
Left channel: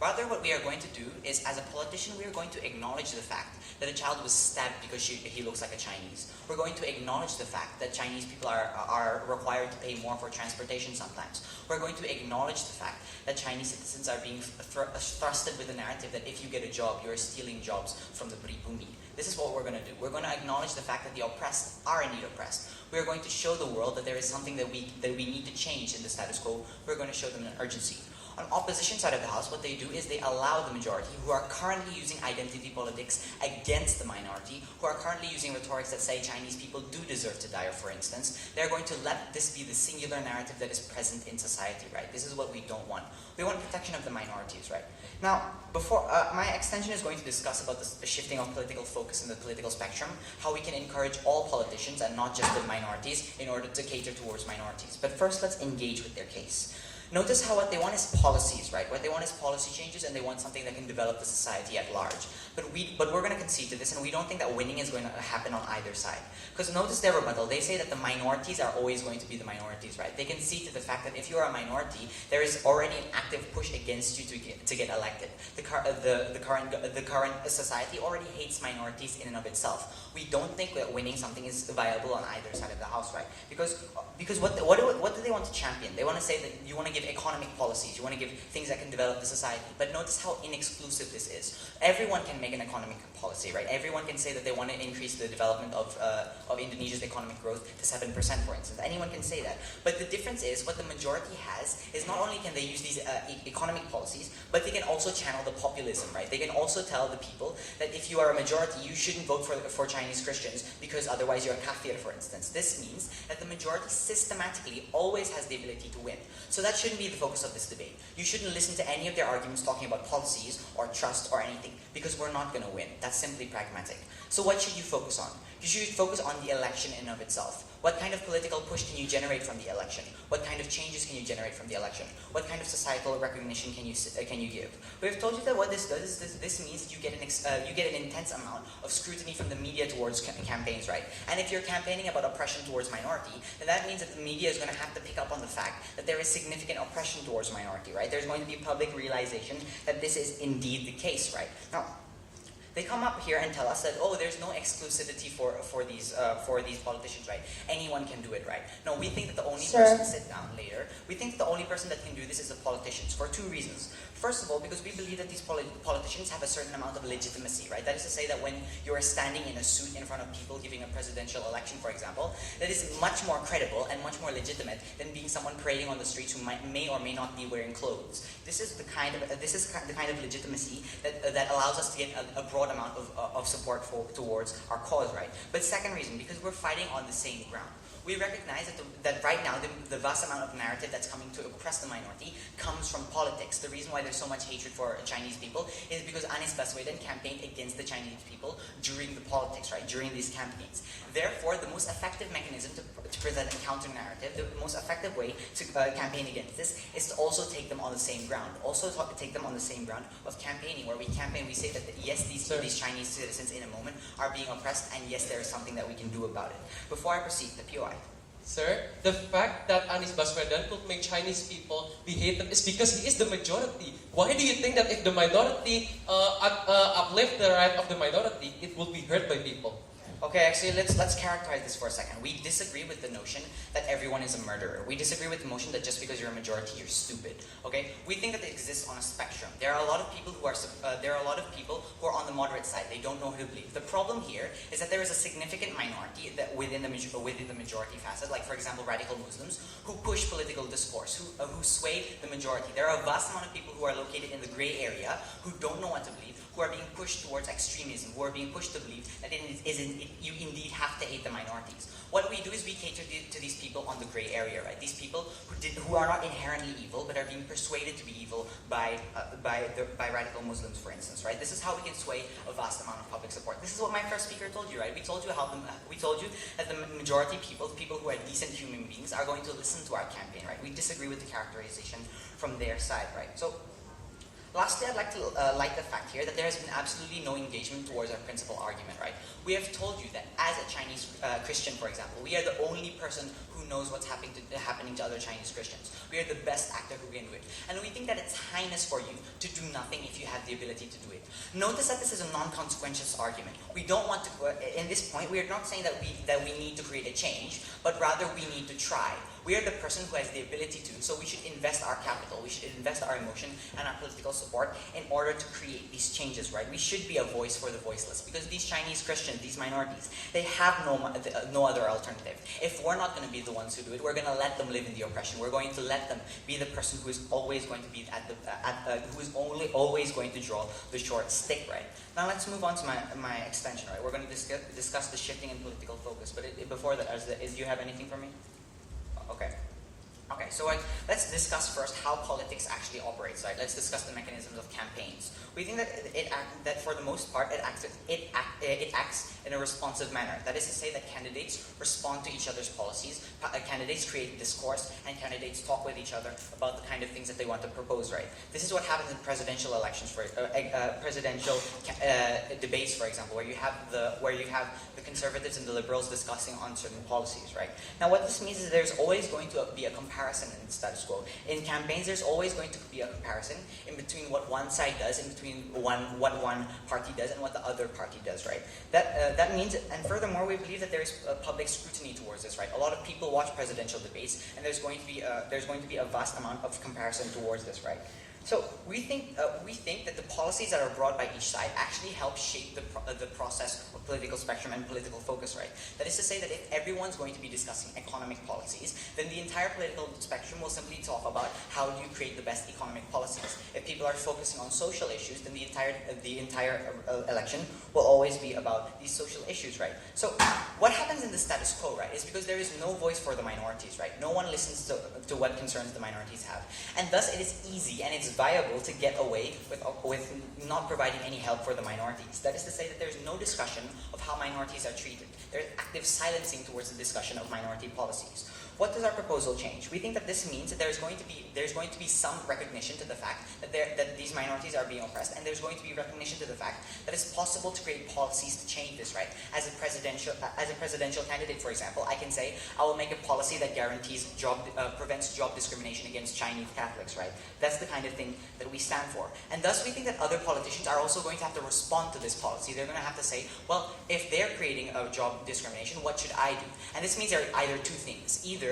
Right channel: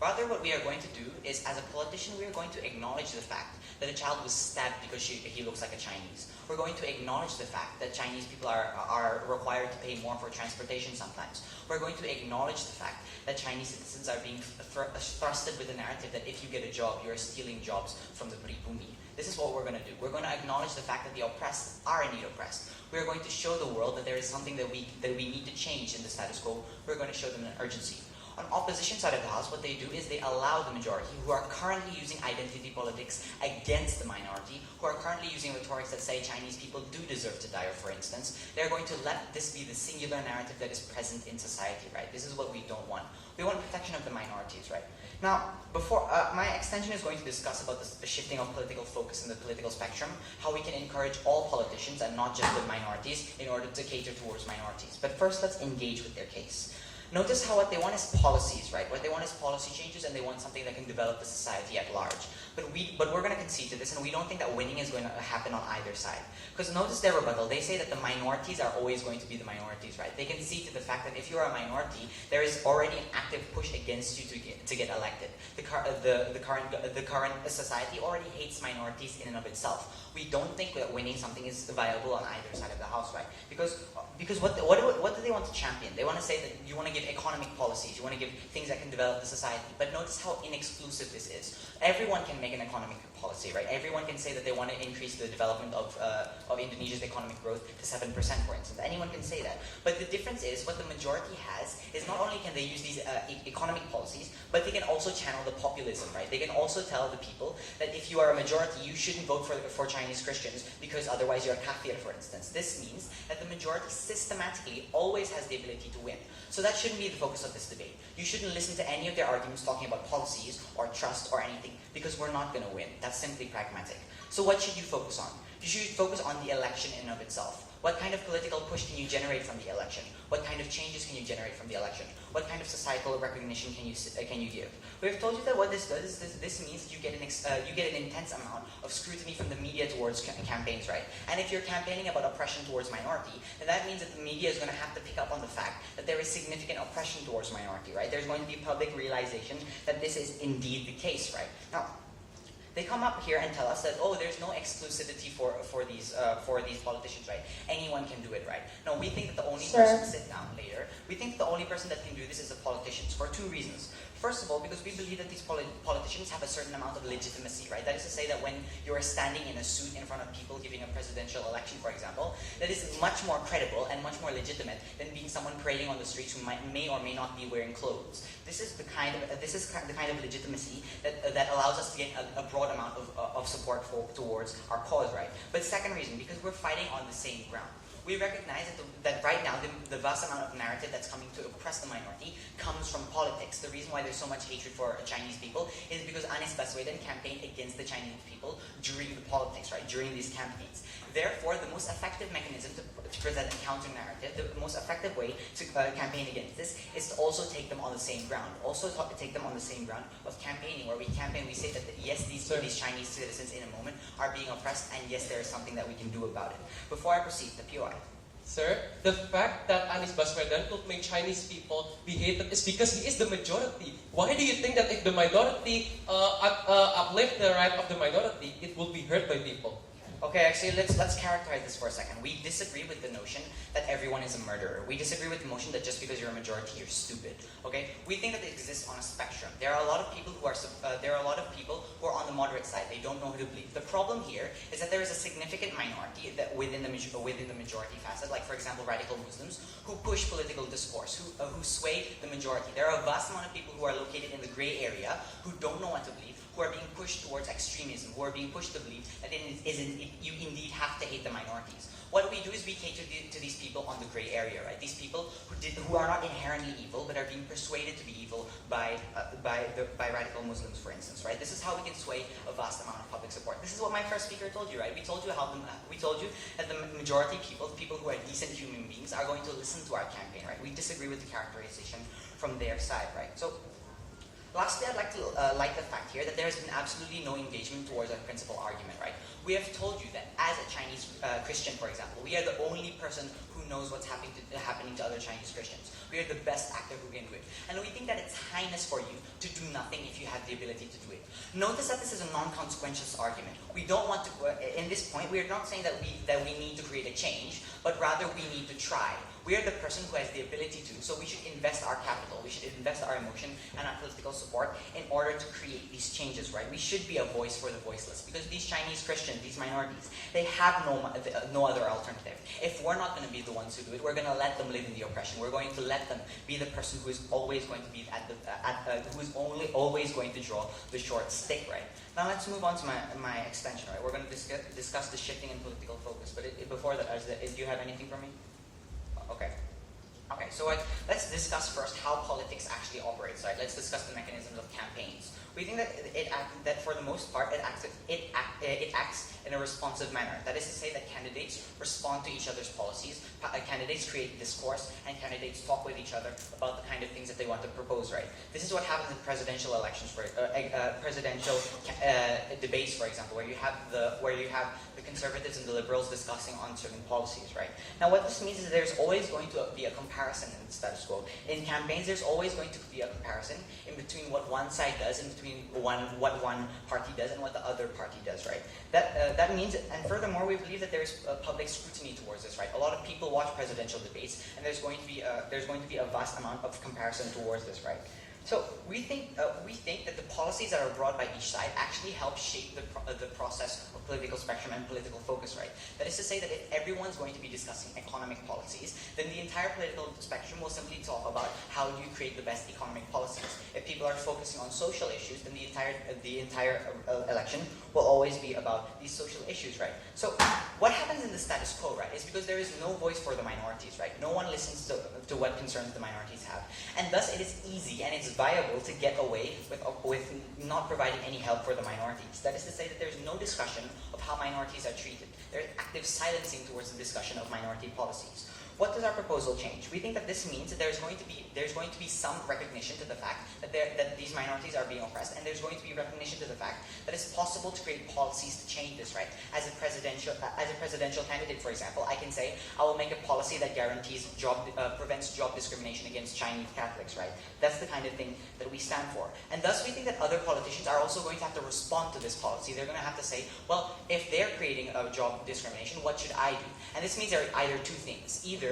Rather, what we are going to do is, as a politician, we are going to acknowledge the fact that a child was stabbed because he looks like a Chinese. We're going to acknowledge the fact that Chinese people are required to pay more for transportation sometimes. We're going to acknowledge the fact that Chinese citizens are being thrusted with the narrative that if you get a job, you're stealing jobs from the pre-Bhumi. This is what we're going to do. We're going to acknowledge the fact that the oppressed are indeed oppressed. We're going to show the world that there is something that we need to change in the status quo. We're going to show them an urgency. On opposition side of the house, what they do is they allow the majority, who are currently using identity politics against the minority, who are currently using rhetorics that say Chinese people do deserve to die, for instance, they're going to let this be the singular narrative that is present in society, right? This is what we don't want. We want protection of the minorities, right? Now, before my extension is going to discuss about the shifting of political focus in the political spectrum, how we can encourage all politicians and not just the minorities in order to cater towards minorities. But first, let's engage with their case. Notice how what they want is policies, right? What they want is policy changes, and they want something that can develop the society at large. But we're going to concede to this, and we don't think that winning is going to happen on either side. Because notice their rebuttal. They say that the minorities are always going to be the minorities, right? They concede to the fact that if you're a minority, there is already an active push against you to get elected. The current society already hates minorities in and of itself. We don't think that winning something is viable on either side of the house, right? Because what do they want to champion? They want to say that you want to give economic policies, you want to give things that can develop the society. But notice how inexclusive this is. Everyone can make an economic policy, right? Everyone can say that they want to increase the development of Indonesia's economic growth to 7%, for instance. Anyone can say that. But the difference is what the majority has is not only can they use these economic policies, but they can also channel the populism, right? They can also tell the people that if you are a majority, you shouldn't vote for Chinese Christians because otherwise you're a kafir, for instance. This means that the majority systematically always has the ability to win. So that shouldn't be the focus of this debate. You shouldn't listen to any of their arguments talking about policies or trust or anything, because we're not going to win. That's simply pragmatic. So what should you focus on? You should focus on the election in and of itself. What kind of political push can you generate from the election? What kind of changes can you generate from the election? What kind of societal recognition can you give? We have told you that what this does is this means you get an intense amount of scrutiny from the media towards campaigns, right? And if you're campaigning about oppression towards minority, then that means that the media is going to have to pick up on the fact that there is significant oppression towards minority, right? There's going to be public realization that this is indeed the case, right? Now, they come up here and tell us that, oh, there's no exclusivity for these politicians, right? Anyone can do it, right? No, we think that the only person, sit down later, we think the only person that can do this is the politicians for two reasons. First of all, because we believe that these politicians have a certain amount of legitimacy, right? That is to say that when you're standing in a suit in front of people giving a presidential election, for example, that is much more credible and much more legitimate than being someone parading on the streets who may or may not be wearing clothes. This is the kind of legitimacy that allows us to get a broad amount of support towards our cause, right? But second reason, because we're fighting on the same ground. We recognize that right now the vast amount of narrative that's coming to oppress the minority comes from politics. The reason why there's so much hatred for Chinese people is because Anies Baswedan campaigned against the Chinese people during the politics, right? During these campaigns. Therefore, the most effective mechanism to present a counter-narrative, the most effective way to campaign against this is to also take them on the same ground. Also take them on the same ground of campaigning, where we campaign, we say that yes, these Chinese citizens in a moment are being oppressed, and yes, there is something that we can do about it. Before I proceed, the POI. Sir, the fact that Anies Baswedan could make Chinese people be hated is because he is the majority. Why do you think that if the minority uplift the right of the minority, it will be heard by people? Okay, actually, let's characterize this for a second. We disagree with the notion that everyone is a murderer. We disagree with the notion that just because you're a majority, you're stupid. Okay, we think that it exists on a spectrum. There are a lot of people who are on the moderate side. They don't know who to believe. The problem here is that there is a significant minority that within the majority facet, like for example, radical Muslims, who push political discourse, who sway the majority. There are a vast amount of people who are located in the gray area who don't know what to believe, who are being pushed towards extremism, who are being pushed to believe that you indeed have to hate the minorities. What we do is we cater to these people on the gray area, right? These people who are not inherently evil, but are being persuaded to be evil by radical Muslims, for instance, right? This is how we can sway a vast amount of public support. This is what my first speaker told you, right? We told you that the majority people who are decent human beings are going to listen to our campaign, right? We disagree with the characterization from their side, right? So, lastly, I'd like to light the fact here that there has been absolutely no engagement towards our principal argument, right? We have told you that as a Chinese Christian, for example, we are the only person who knows what's happening to other Chinese Christians. We are the best actor who can do it. And we think that it's highness for you to do nothing if you have the ability to do it. Notice that this is a non-consequential argument. We don't want to, in this point, we are not saying that we need to create a change, but rather we need to try. We are the person who has the ability to, so we should invest our capital, we should invest our emotion and our political support in order to create these changes, right? We should be a voice for the voiceless, because these Chinese Christians, these minorities, they have no other alternative. If we're not going to be the ones who do it, we're going to let them live in the oppression. We're going to let them be the person who is always going to be who is only always going to draw the short stick, right? Now let's move on to my extension, right? We're going to discuss the shifting in political focus, but before that, do you have anything for me? Okay. Okay, so let's discuss first how politics actually operates. Right? Let's discuss the mechanisms of campaigns. We think that for the most part it acts in a responsive manner. That is to say that candidates respond to each other's policies. Candidates create discourse, and candidates talk with each other about the kind of things that they want to propose. Right? This is what happens in presidential elections, presidential debates, for example, where you have the conservatives and the liberals discussing on certain policies. Right? Now, what this means is there's always going to be a comparison in the status quo. In campaigns, there's always going to be a comparison in between what one side does, in between what one party does and what the other party does, right? That means, and furthermore, we believe that there is public scrutiny towards this, right? A lot of people watch presidential debates, and there's going to be a vast amount of comparison towards this, right? So we think that the policies that are brought by each side actually help shape the process of political spectrum and political focus, right? That is to say that if everyone's going to be discussing economic policies, then the entire political spectrum will simply talk about how do you create the best economic policies. If people are focusing on social issues, then the entire election will always be about these social issues, right? So what happens in the status quo, right, is because there is no voice for the minorities, right? No one listens to what concerns the minorities have, and thus it is easy and it's viable to get away with not providing any help for the minorities. That is to say that there's no discussion of how minorities are treated. There's active silencing towards the discussion of minority policies. What does our proposal change? We think that this means that there's going to be some recognition to the fact that these minorities are being oppressed, and there's going to be recognition to the fact that it's possible to create policies to change this, right? As a presidential candidate, for example, I can say I will make a policy that guarantees prevents job discrimination against Chinese Catholics, right? That's the kind of thing that we stand for, and thus we think that other politicians are also going to have to respond to this policy. They're going to have to say, well, if they're creating a job discrimination, what should I do? And this means there are either two things: either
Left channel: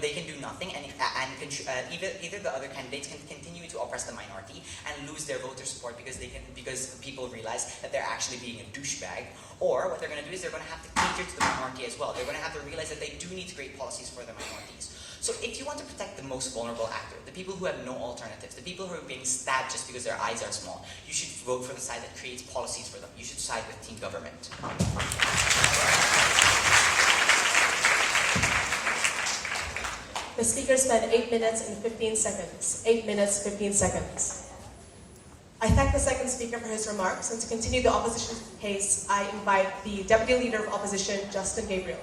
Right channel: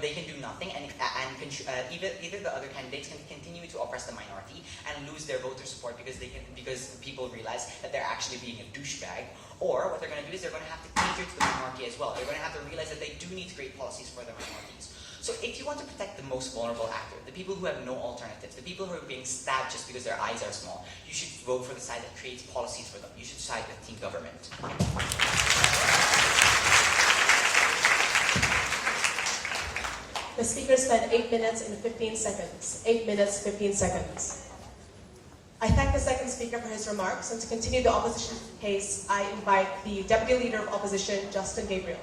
they can do nothing, and either the other candidates can continue to oppress the minority and lose their voter support because people realize that they're actually being a douchebag, or what they're going to do is they're going to have to cater to the minority as well. They're going to have to realize that they do need to create policies for the minorities. So if you want to protect the most vulnerable actor, the people who have no alternatives, the people who are being stabbed just because their eyes are small, you should vote for the side that creates policies for them. You should side with team government. The speaker spent 8 minutes and 15 seconds. 8 minutes, 15 seconds. I thank the second speaker for his remarks, and to continue the opposition case, I invite the Deputy Leader of Opposition, Justin Gabriel.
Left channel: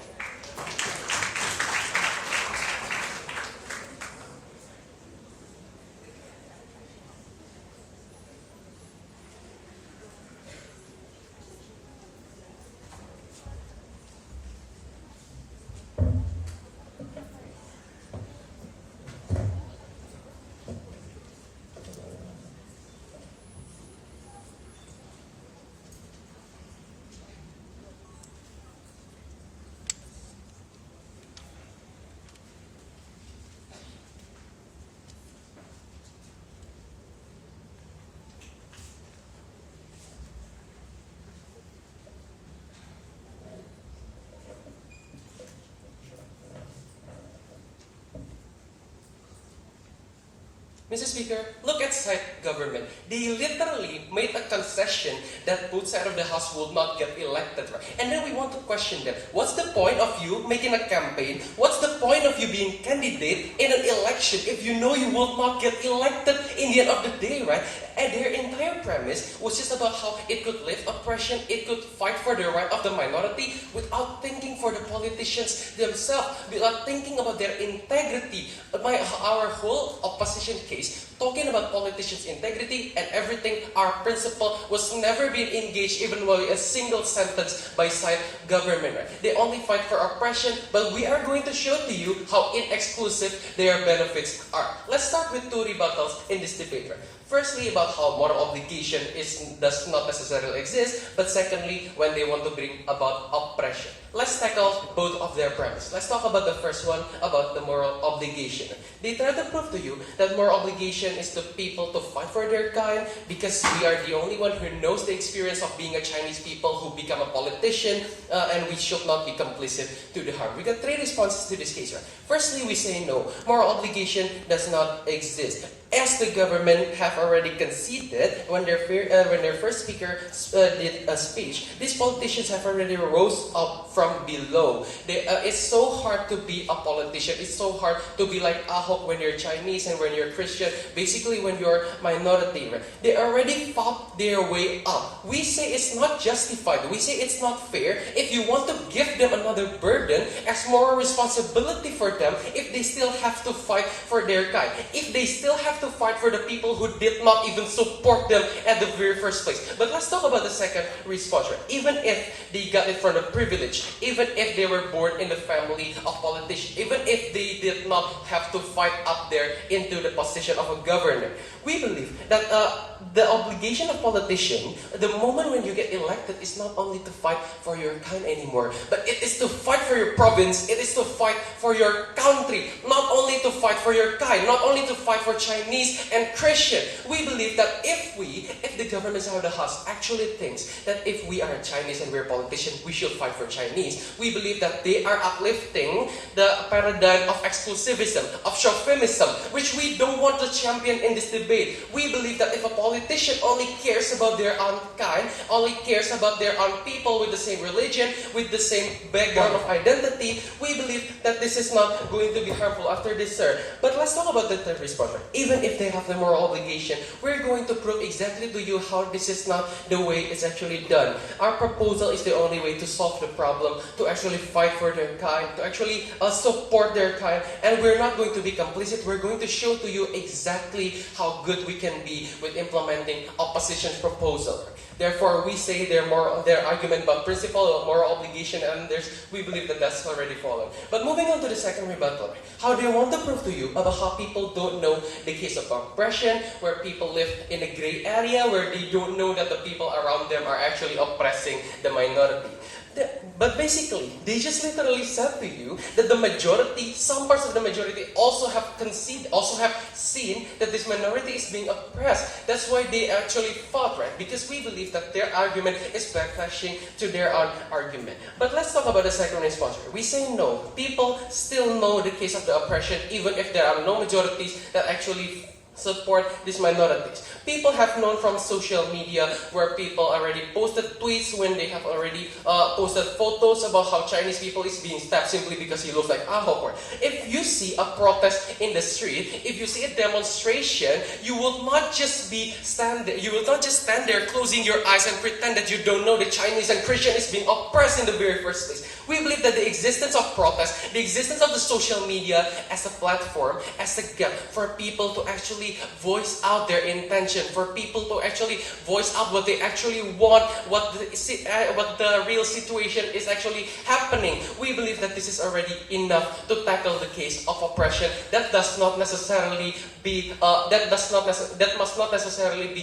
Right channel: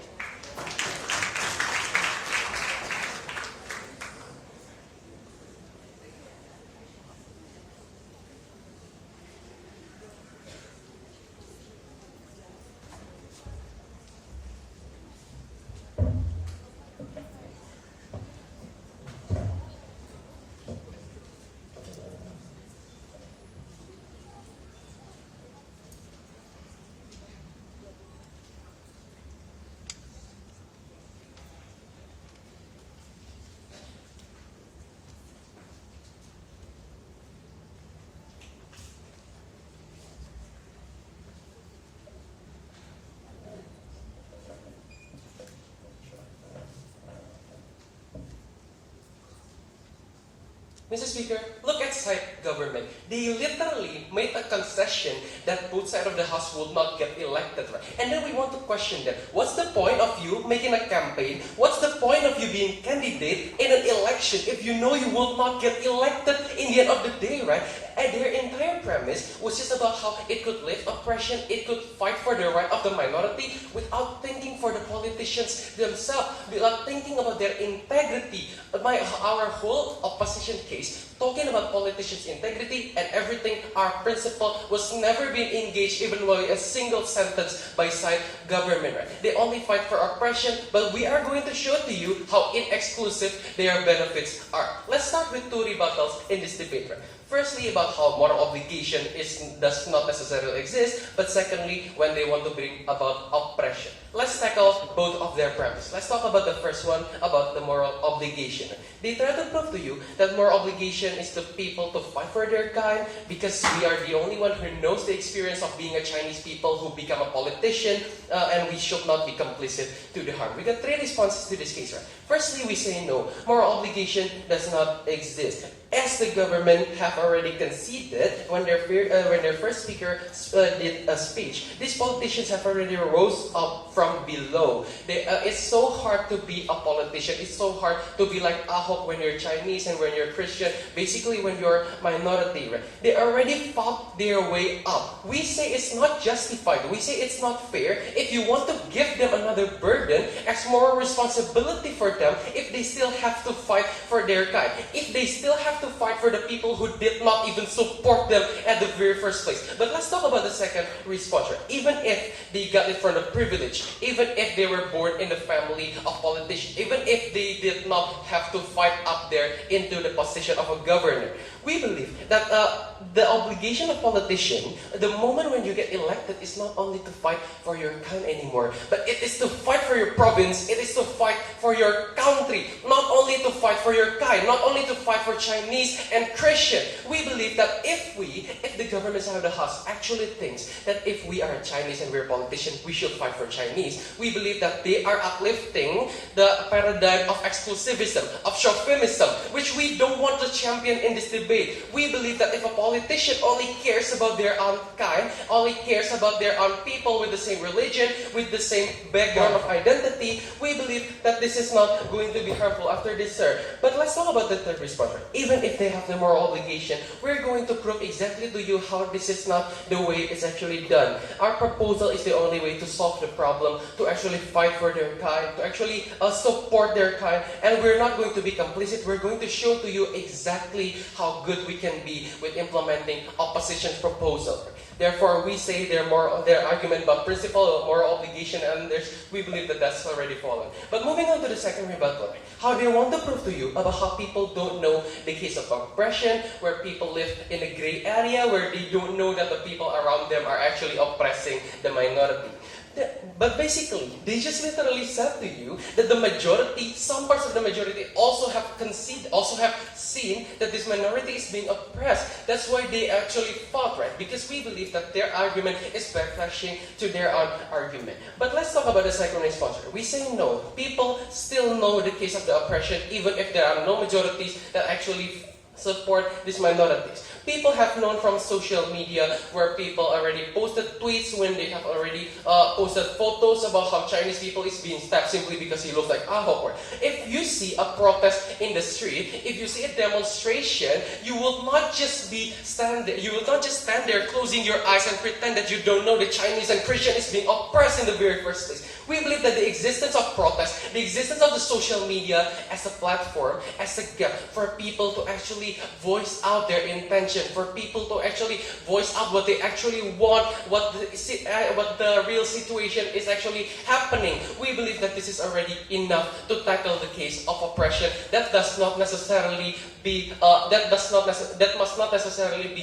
Mr. Speaker, look at side government. They literally made a concession that both sides of the House will not get elected. Right? And then we want to question them. What's the point of you making a campaign? What's the point of you being candidate in an election if you know you will not get elected in the end of the day, right? And their entire premise was just about how it could lift oppression, it could fight for the right of the minority without thinking for the politicians themselves, without thinking about their integrity. Our whole opposition case, talking about politicians' integrity and everything, our principle was never being engaged even while a single sentence by side government. Right? They only fight for oppression, but we are going to show to you how inexclusive their benefits are. Let's start with two rebuttals in this debate. Right? Firstly, about how moral obligation does not necessarily exist, but secondly, when they want to bring about oppression. Let's tackle both of their premises. Let's talk about the first one, about the moral obligation. They try to prove to you that moral obligation is to people to fight for their kind because we are the only one who knows the experience of being a Chinese people who become a politician, and we should not be complicit to the harm. We got three responses to this case. Right? Firstly, we say no. Moral obligation does not exist. as the government have already conceded when their first speaker did a speech, these politicians have already rose up from below. It's so hard to be a politician. It's so hard to be like Ahok when you're Chinese and when you're Christian. Basically, when you're minority, right? They already fought their way up. We say it's not justified. We say it's not fair. If you want to give them another burden as moral responsibility for them, if they still have to fight for their kind, if they still have to fight for the people who did not even support them at the very first place. But let's talk about the second response. Even if they got it from the privilege, even if they were born in the family of politicians, even if they did not have to fight up there into the position of a governor, we believe that the obligation of politician, the moment when you get elected, is not only to fight for your kind anymore, but it is to fight for your province, it is to fight for your country, not only to fight for your kind, not only to fight for Chinese and Christian. We believe that if the government of the house actually thinks that if we are Chinese and we're politicians, we should fight for Chinese, we believe that they are uplifting the paradigm of exclusivism, of chauvinism, which we don't want to champion in this debate. We believe that if a politician only cares about their own kind, only cares about their own people with the same religion, with the same background of identity, we believe that this is not going to be harmful after this, sir. But let's talk about the third response. Even if they have the moral obligation, we're going to prove exactly to you how this is not the way it's actually done. Our proposal is the only way to solve the problem, to actually fight for their kind, to actually support their kind, and we're not going to be complicit. We're going to show to you exactly how good we can be with implementing opposition's proposal. Therefore, we say their argument about principle of moral obligation, and we believe that that's already fallen. But moving on to the second rebuttal, how do you want to prove to you about how people don't know the case of oppression, where people live in a gray area, where they don't know that the people around them are actually oppressing the minority? But basically, they just literally said to you that the majority, some parts of the majority also have conceded, also have seen that this minority is being oppressed. That's why they actually fought, right? Because we believe that their argument is backlashing to their own argument. But let's talk about the second response. We say no. People still know the case of the oppression, even if there are no majorities that actually support these minorities. People have known from social media where people already posted tweets when they have already posted photos about how Chinese people is being stabbed simply because he looks like Ahok. If you see a protest in the street, if you see a demonstration, you will not just stand there closing your eyes and pretend that you don't know the Chinese and Christian is being oppressed in the very first place. We believe that the existence of protest, the existence of the social media as a platform, as a gap for people to actually voice out their intention, for people to actually voice out what they actually want, what the real situation is actually happening. We believe that this is already enough to tackle the case of oppression. That must not necessarily be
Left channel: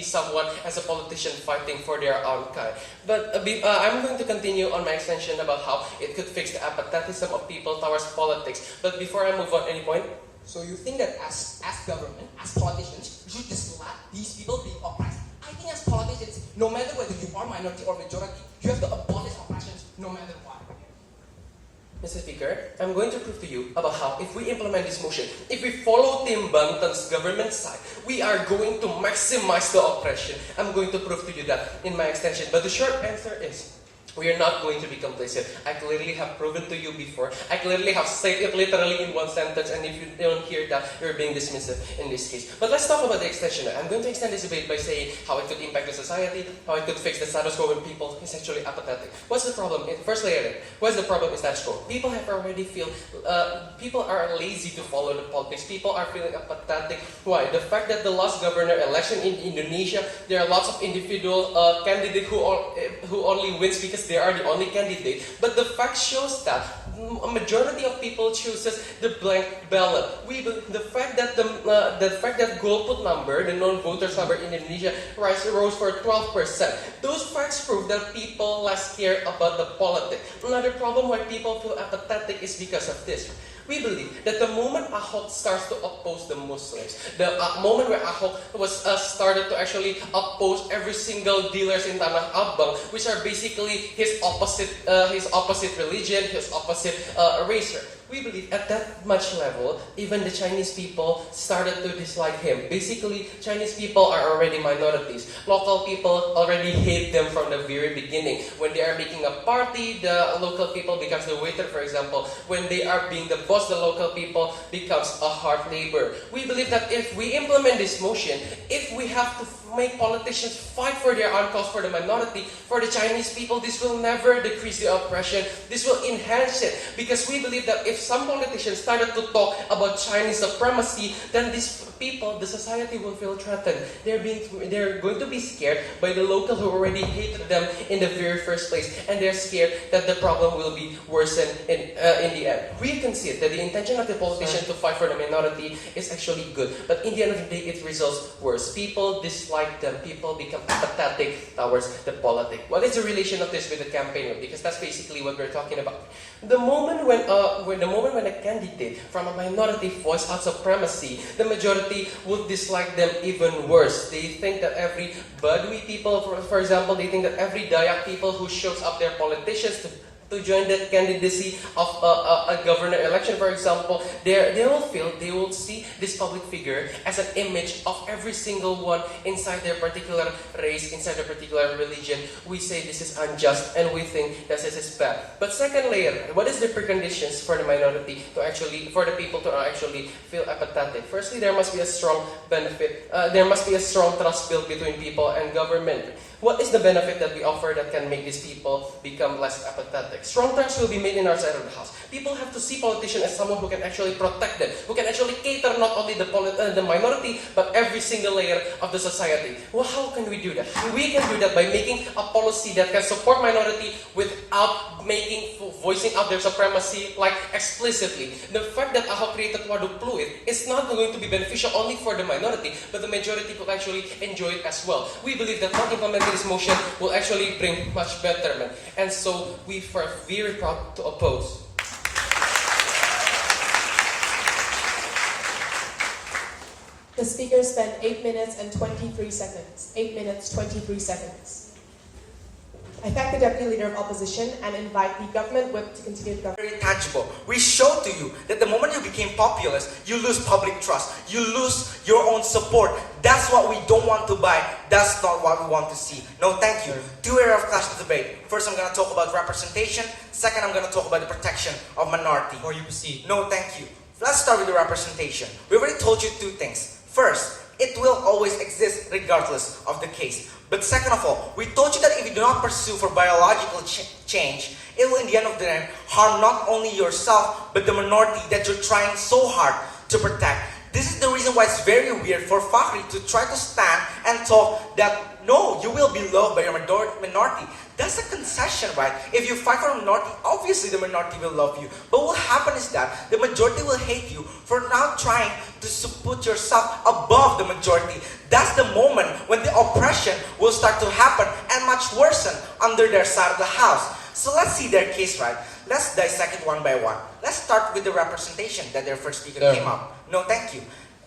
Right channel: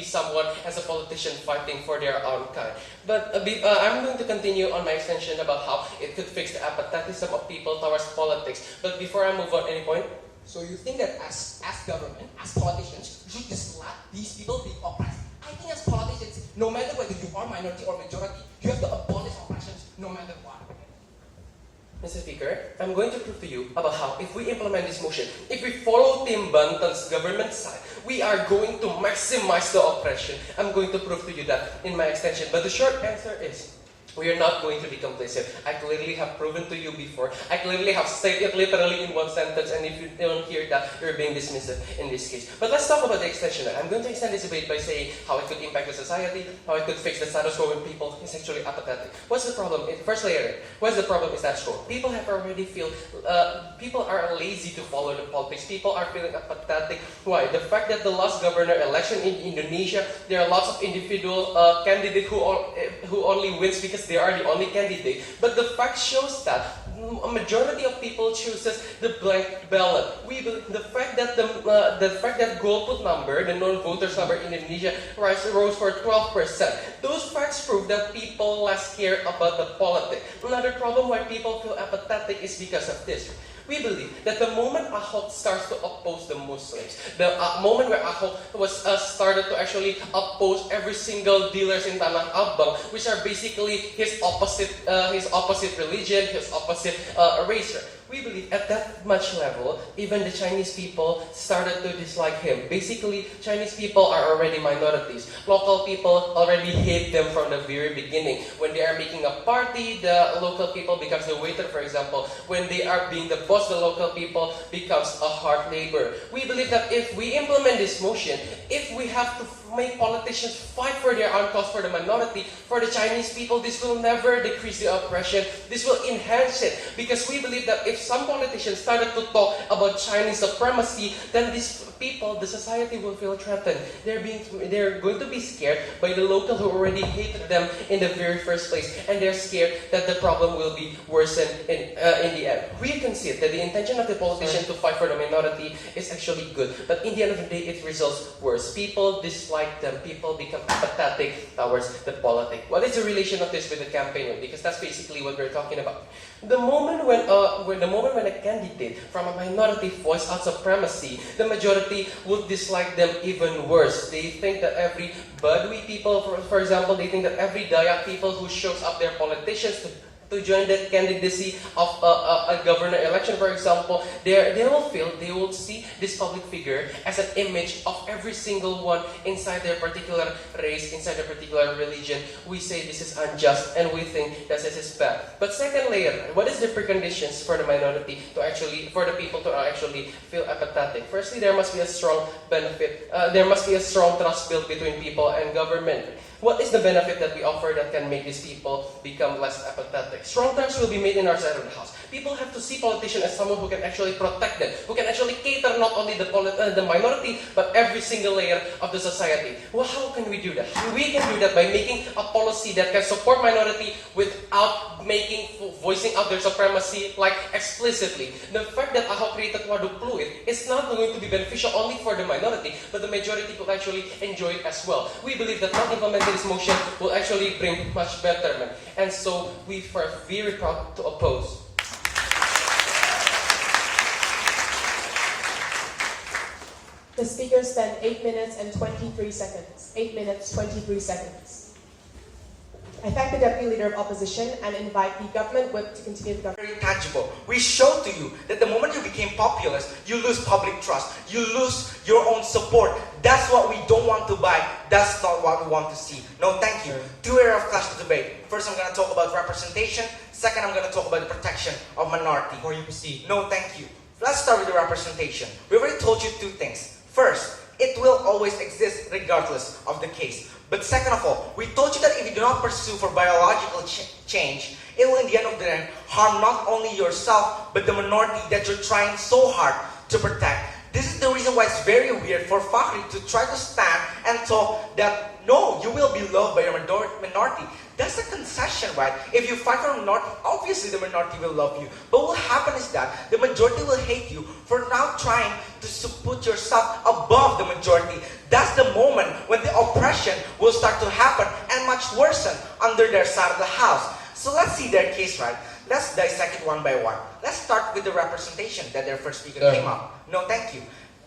someone as a politician fighting for their own kind. But I'm going to continue on my extension about how it could fix the apathetism of people towards politics. But before I move on, any point? So you think that as government, as politicians, we should just let these people be oppressed? I think as politicians, no matter whether you are minority or majority, you have to abolish oppressions no matter what. Mr. Speaker, I'm going to prove to you about how if we implement this motion, if we follow Team Banten's government side, we are going to maximize the oppression. I'm going to prove to you that in my extension. But the short answer is, we are not going to be complicit. I clearly have proven to you before. I clearly have said it literally in one sentence, and if you don't hear that, you're being dismissive in this case. But let's talk about the extension. I'm going to extend this debate by saying how it could impact the society, how it could fix the status quo when people is actually apathetic. What's the problem? First layer, what's the problem is status quo? People are lazy to follow the politics. People are feeling apathetic. Why? The fact that the last governor election in Indonesia, there are lots of individual candidates who only wins because they are the only candidate. But the fact shows that a majority of people chooses the blank ballot. The fact that golput number, the non-voters number in Indonesia, rose for 12%. Those facts prove that people less care about the politics. Another problem why people feel apathetic is because of this. We believe that the moment Ahok starts to oppose the Muslims, the moment where Ahok was started to actually oppose every single dealers in Tanah Abang, which are basically his opposite religion, his opposite race, We believe at that much level, even the Chinese people started to dislike him. Basically, Chinese people are already minorities. Local people already hate them from the very beginning. When they are making a party, the local people becomes the waiter, for example. When they are being the boss, the local people becomes a hard labor. We believe that if we implement this motion, if we have to make politicians fight for their own cause, for the minority, for the Chinese people, this will never decrease the oppression. This will enhance it. Because we believe that if some politicians started to talk about Chinese supremacy, then these people, the society will feel threatened. They're going to be scared by the local who already hated them in the very first place, and they're scared that the problem will be worsened in the end. We concede that the intention of the politician to fight for the minority is actually good, but in the end of the day, it results worse. People dislike them. People become apathetic towards the politics. What is the relation of this with the campaign? Because that's basically what we're talking about. The moment when a candidate from a minority voice out supremacy, the majority would dislike them even worse. They think that every Badui people, for example, they think that every Dayak people who shows up their politicians to join the candidacy of a governor election, for example, they will see this public figure as an image of every single one inside their particular race, inside their particular religion. We say this is unjust, and we think that this is bad. But second layer, what is the preconditions for the minority to actually, for the people to actually feel apathetic? Firstly, there must be a strong benefit. There must be a strong trust built between people and government. What is the benefit that we offer that can make these people become less apathetic? Strong trust will be made in our side of the house. People have to see politicians as someone who can actually protect them, who can actually cater not only the minority, but every single layer of the society. Well, how can we do that? We can do that by making a policy that can support minority without voicing out their supremacy like explicitly. The fact that Ahok created Waduk Pluit is not going to be beneficial only for the minority, but the majority could actually enjoy it as well. We believe that not implementing this motion will actually bring much betterment, and so we are very proud to oppose. The speaker spent 8 minutes and 23 seconds. 8 minutes, 23 seconds. I thank the Deputy Leader of Opposition and invite the Government Whip to continue the government. Very tangible. We showed to you that the moment you became populist, you lose public trust. You lose your own support. That's what we don't want to buy. That's not what we want to see. No, thank you. Two areas of clash debate. First, I'm going to talk about representation. Second, I'm going to talk about the protection of minority. Before you proceed. No, thank you. Let's start with the representation. We already told you two things. First, it will always exist regardless of the case. But second of all, we told you that if you do not pursue for biological change, it will in the end of the day harm not only yourself, but the minority that you're trying so hard to protect. This is the reason why it's very weird for Fakhri to try to stand and talk that, no, you will be loved by your minority. That's a concession, right? If you fight for a minority, obviously the minority will love you. But what happens is that the majority will hate you for now trying to put yourself above the majority. That's the moment when the oppression will start to happen and much worsen under their side of the house. So let's see their case, right? Let's dissect it one by one. Let's start with the representation that their first speaker came up. No, thank you.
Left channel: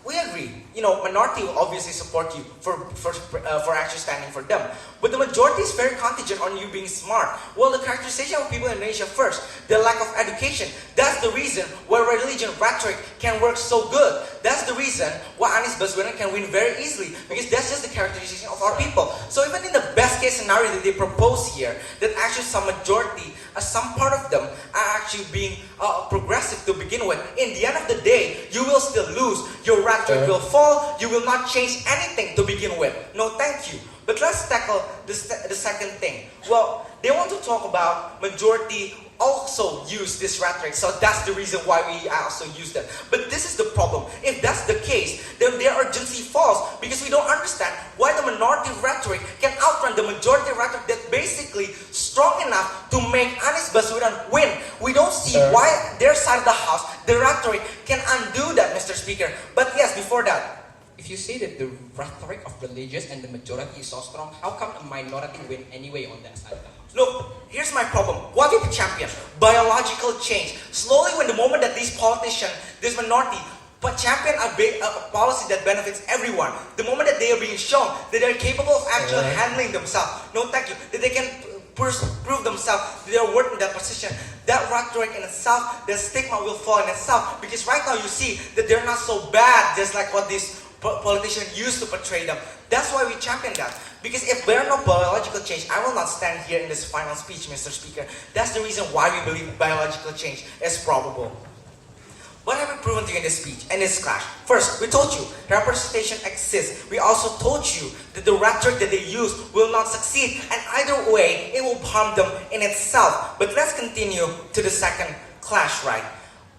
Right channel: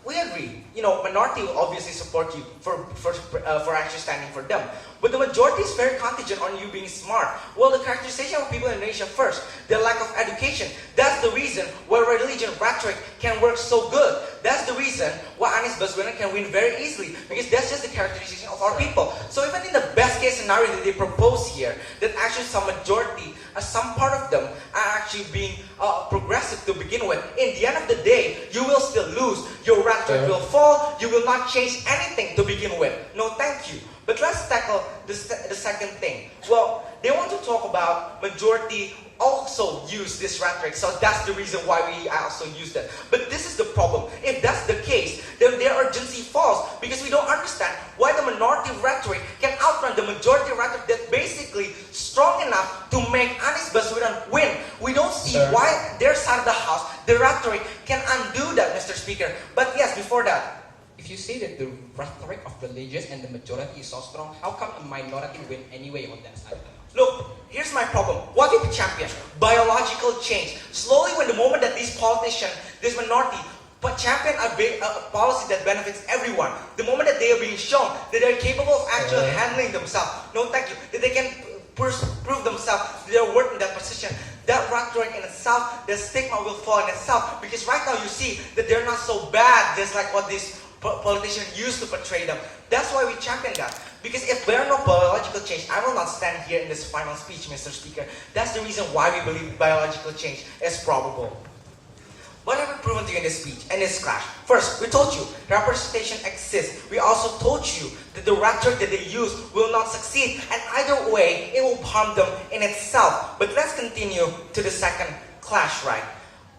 We agree. Minority will obviously support you for actually standing for them. But the majority is very contingent on you being smart. Well, the characterization of people in Indonesia first, the lack of education. That's the reason why religion rhetoric can work so good. That's the reason why Anies Baswedan can win very easily, because that's just the characterization of our people. So even in the best case scenario that they propose here, that actually some majority, some part of them are actually being progressive to begin with. In the end of the day, you will still lose. Your rhetoric will fall. You will not change anything to begin with. No, thank you. But let's tackle the second thing. Well, they want to talk about majority also use this rhetoric, so that's the reason why we also use that. But this is the problem. If that's the case, then their urgency falls, because we don't understand why the minority rhetoric can outrun the majority rhetoric that's basically strong enough to make Anies Baswedan win. We don't see why their side of the house, the rhetoric, can undo that, Mr. Speaker. But yes, before that, if you say that the rhetoric of religious and the majority is so strong, how come a minority win anyway on that side of the house? look, here's my problem. What did we champion? Biological change. Slowly, when the moment that these politicians, this minority, but champion a policy that benefits everyone, the moment that they are being shown that they are capable of actually handling themselves, no thank you, that they can prove themselves their worth in that position, that rhetoric in itself, the stigma will fall in itself. Because right now you see that they're not so bad, just like what these politicians used to portray them. That's why we champion that. Because if there are no biological change, I will not stand here in this final speech, Mr. Speaker. That's the reason why we believe biological change is probable. What have we proven to you in this speech and this clash? First, we told you representation exists. We also told you that the rhetoric that they use will not succeed, and either way, it will harm them in itself. But let's continue to the second clash, right?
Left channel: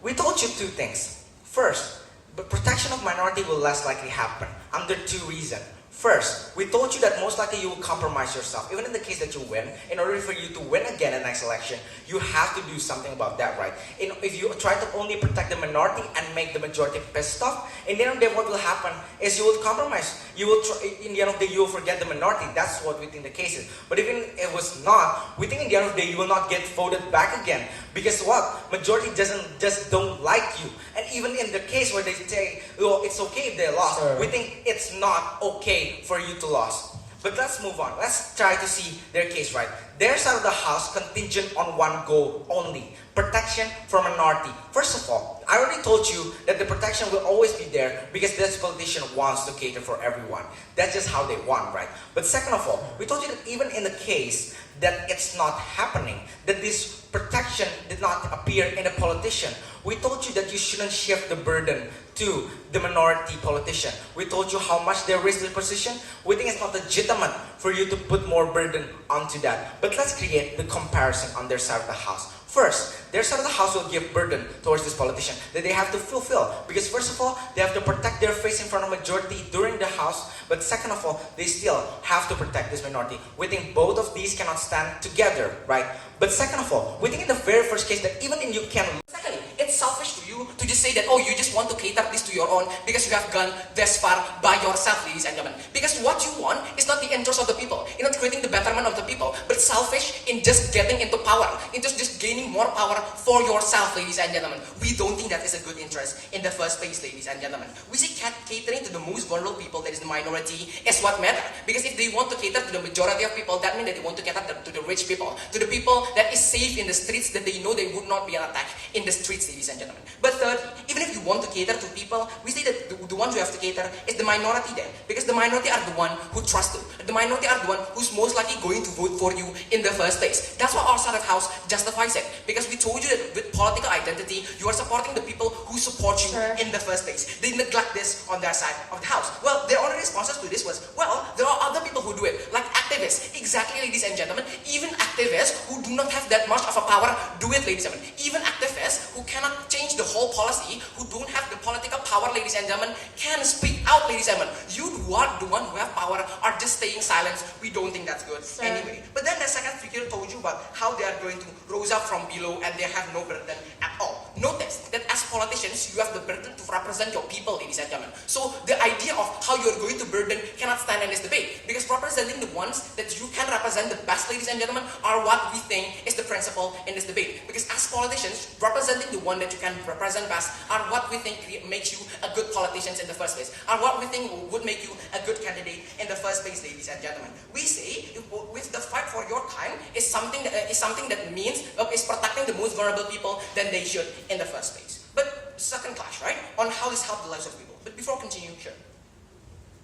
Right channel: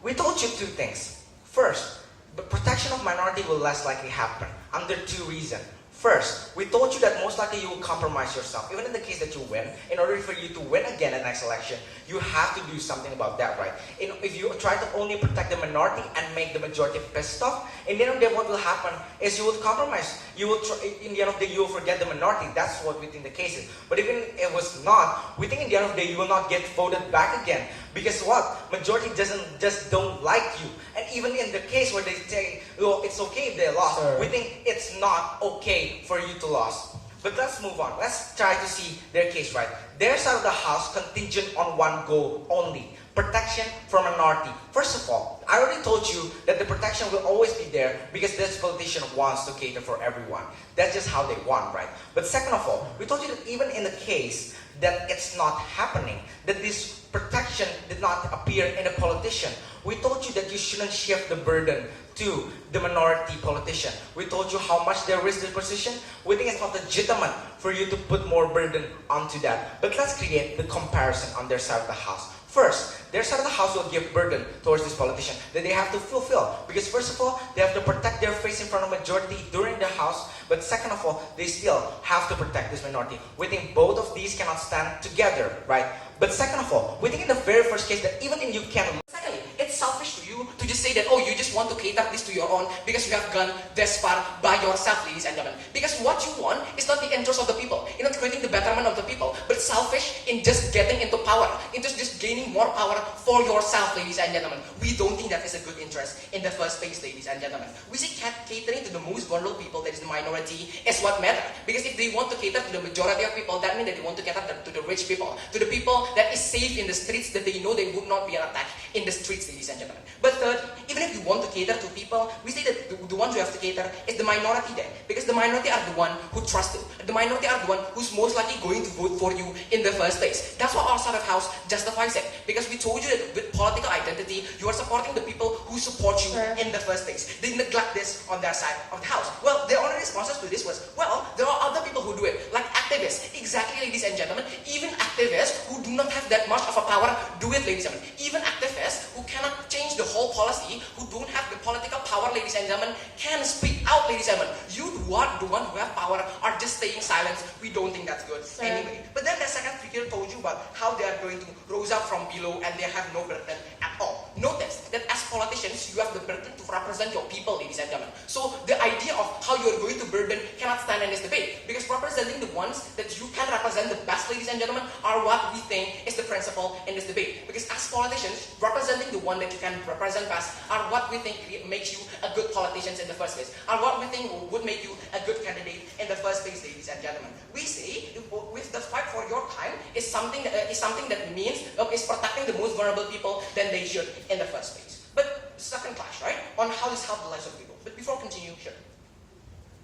We told you two things. First, the protection of minority will less likely happen under two reasons. First, we told you that most likely you will compromise yourself. Even in the case that you win, in order for you to win again in the next election, you have to do something about that, right? If you try to only protect the minority and make the majority pissed off, in the end of the day, what will happen is you will compromise. You will in the end of the day, you will forget the minority. That's what we think the case is. But even if it was not, we think in the end of the day, you will not get voted back again. Because what? Majority just don't like you. And even in the case where they say, oh, it's okay if they lost, we think it's not okay for you to lose. But let's move on. Let's try to see their case, right? Their side of the house contingent on one goal only. Protection for minority. First of all, I already told you that the protection will always be there because this politician wants to cater for everyone. That's just how they want, right? But second of all, we told you that even in the case that it's not happening, that this protection did not appear in a politician, we told you that you shouldn't shift the burden to the minority politician. We told you how much they risk the position. We think it's not legitimate for you to put more burden onto that. But let's create the comparison on their side of the house. First, their side of the house will give burden towards this politician that they have to fulfill. Because first of all, they have to protect their face in front of majority during the house. But second of all, they still have to protect this minority. We think both of these cannot stand together, right? But second of all, we think in the very first case that even if you can... Secondly, it's selfish to you to just say that, oh, you just want to cater this to your own because you have gone this far by yourself, ladies and gentlemen. Because what you want is not the interest of the people, you're not creating the betterment of the people, but selfish in just getting into power, in just gaining more power for yourself, ladies and gentlemen. We don't think that is a good interest in the first place, ladies and gentlemen. We see catering to the most vulnerable people, that is the minority, is what matters. Because if they want to cater to the majority of people, that means that they want to cater to the rich people, to the people that is safe in the streets, that they know they would not be attacked in the streets, ladies and gentlemen. But third, even if you want to cater to people, we say that the ones who have to cater is the minority there. Because the minority are the one who trust you. The minority are the one who's most likely going to vote for you in the first place. That's why our side of house justifies it. Because we told you that with political identity, you are supporting the people who support you in the first place. They neglect this on their side of the house. Well, their only responses to this was, well, there are other people who do it, like activists. Exactly, ladies and gentlemen. Even activists who do not have that much of a power do it, ladies and gentlemen. Even activists who cannot change the whole policy, who don't have the political power, ladies and gentlemen, can speak out, ladies and gentlemen. You who are the one who have power are just staying silent. We don't think that's good anyway. But then the second figure told you about how they are going to rise up from below and they have no burden at all. Notice that as politicians, you have the burden to represent your people, ladies and gentlemen. So the idea of how you're going to burden cannot stand in this debate. Because representing the ones that you can represent the best, ladies and gentlemen, are what we think is the principle in this debate. Because as politicians, representing the one that you can represent best are what we think makes you a good politician in the first place, are what we think would make you a good candidate in the first place, ladies and gentlemen. We say with the fight for your time is something that means is protecting the most vulnerable people than they should in the first place. But second clash, right, on how this helps the lives of people. But before continuing, sure.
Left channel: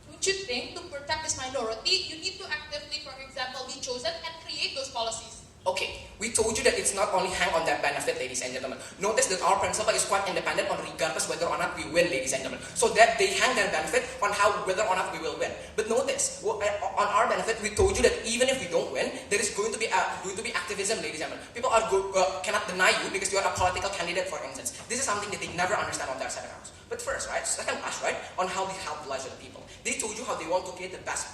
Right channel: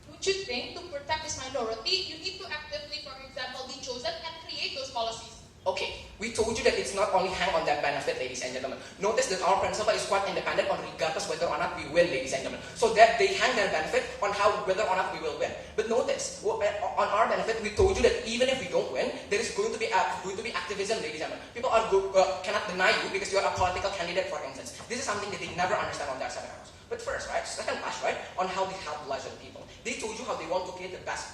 Don't you think to protect this minority, you need to actively, for example, be chosen and create those policies? Okay, we told you that it's not only hang on that benefit, ladies and gentlemen. Notice that our principle is quite independent on regardless whether or not we win, ladies and gentlemen. So that they hang their benefit on whether or not we will win. But notice, on our benefit, we told you that even if we don't win, there is going to be activism, ladies and gentlemen. People cannot deny you because you are a political candidate, for instance. This is something that they never understand on their side of house. But first, right, second clash, right, on how they help the lives of the people. They told you how they want to create the best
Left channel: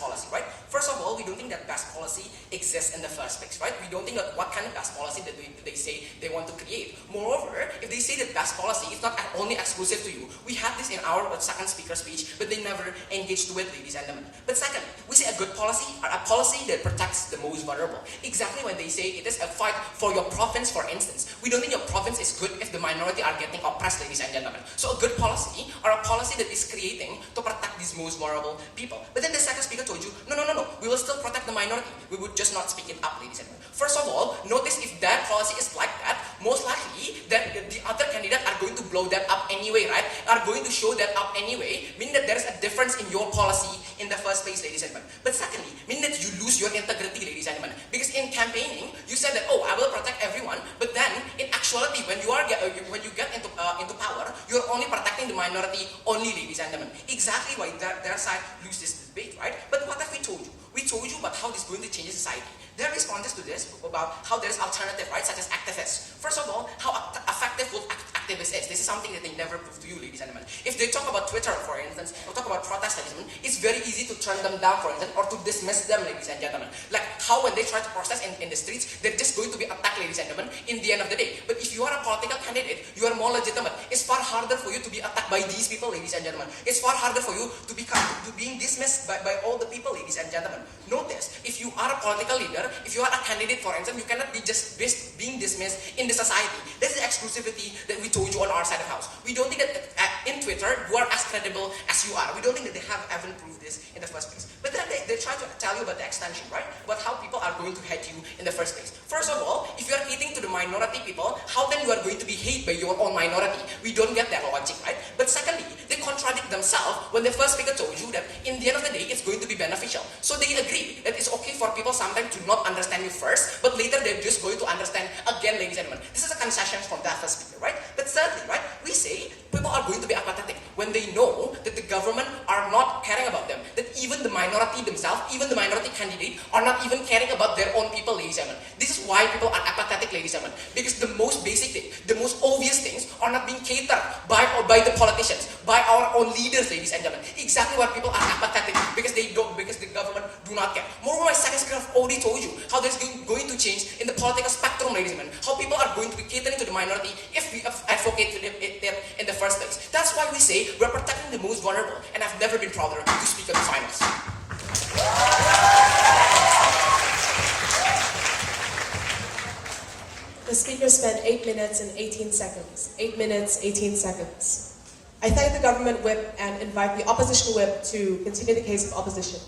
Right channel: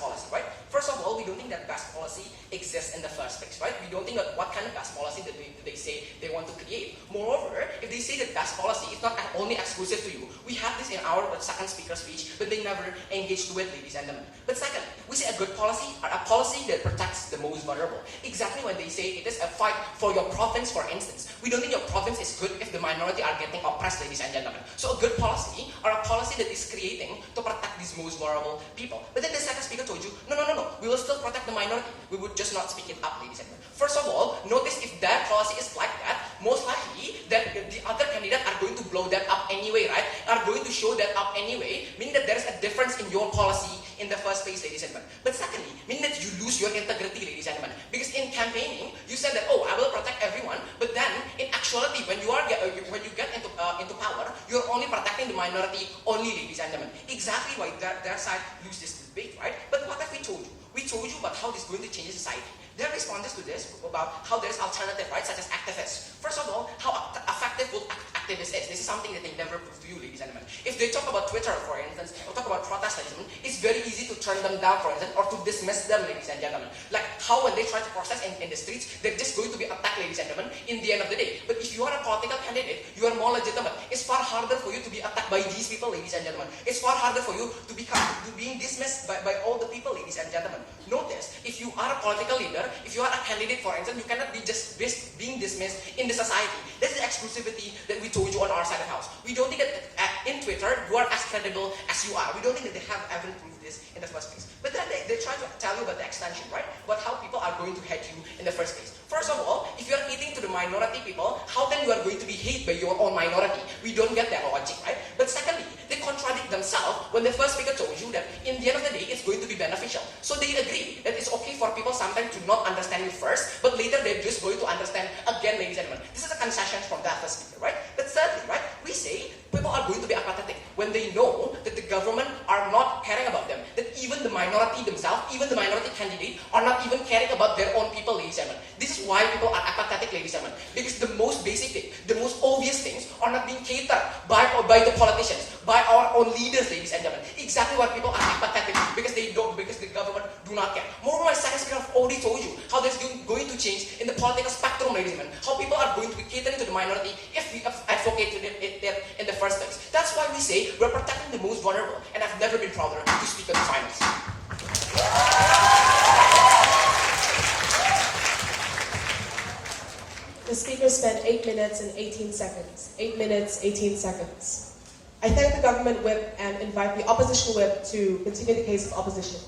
policy, right? First of all, we don't think that best policy exists in the first place, right? We don't think what kind of best policy that they say they want to create. Moreover, if they say that best policy is not only exclusive to you, we have this in our second speaker speech, but they never engage to it, ladies and gentlemen. But second, we say a good policy or a policy that protects the most vulnerable. Exactly when they say it is a fight for your province, for instance. We don't think your province is good if the minority are getting oppressed, ladies and gentlemen. So a good policy or a policy that is creating to protect these most vulnerable people. But then the second speaker told you, no, we will still protect the minority. We would just not speak it up, ladies and gentlemen. First of all, notice if that policy is like that, most likely that the other candidates are going to blow that up anyway, right? Are going to show that up anyway, meaning that there is a difference in your policy in the first place, ladies and gentlemen. But secondly, meaning that you lose your integrity, ladies and gentlemen. Because in campaigning, you said that, oh, I will protect everyone, but then in actuality, when you get into power, you're only protecting the minority only, ladies and gentlemen. Exactly why their side lose this debate, right? But what have we told you? We told you about how this is going to change society. Their responses to this about how there is alternative, right, such as activists. First of all, how effective will activists is. This is something that they never prove to you, ladies and gentlemen. If they talk about Twitter, for instance, or talk about protestation, it's very easy to turn them down, for instance, or to dismiss them, ladies and gentlemen. Like how when they try to protest in the streets, they're just going to be attacked, ladies and gentlemen, in the end of the day. But if you are a political candidate, you are more legitimate. It's far harder for you to be attacked by these people, ladies and gentlemen. It's far harder for you to being dismissed by all the people, ladies and gentlemen. Notice, if you are a political leader, if you are a candidate, for instance, you cannot be just being dismissed in the society. That's the exclusivity that we told you on our side of the house. We don't think that in Twitter, you are as credible as you are. We don't think that they have ever proved this in the first place. But then they try to tell you about the extension, right? About how people are going to hate you in the first place. First of all, if you are hating to the minority people, how then you are going to be hated by your own minority? We don't get that logic, right? But secondly, they contradict themselves when the first speaker told you that in the end of the day, it's going to be beneficial. So they agree that it's okay for people sometimes to not understand you first, but later they're just going to understand again, ladies and gentlemen. This is a concession from that first speaker, right? But thirdly, right, we say people are going to be apathetic when they know that the government are not caring about them, that even the minority themselves, even the minority candidate are not even caring about their own people, ladies and gentlemen. This is why people are apathetic, ladies and gentlemen, because the most basic thing, the most obvious things are not being catered by the politicians, by our own leaders, ladies and gentlemen. Exactly why people are apathetic, because the government do not care. Moreover, my second speaker have already told you how this is going to change in the political spectrum, ladies and gentlemen. How people are going to be catering to the minority if we advocate to them in the first place. That's why we say we're protecting the most vulnerable, and I've never been prouder to speak on the finals. The speaker spent 8 minutes and 18 seconds. 8 minutes, 18 seconds. I thank the government whip and invite the opposition whip to continue the case of opposition.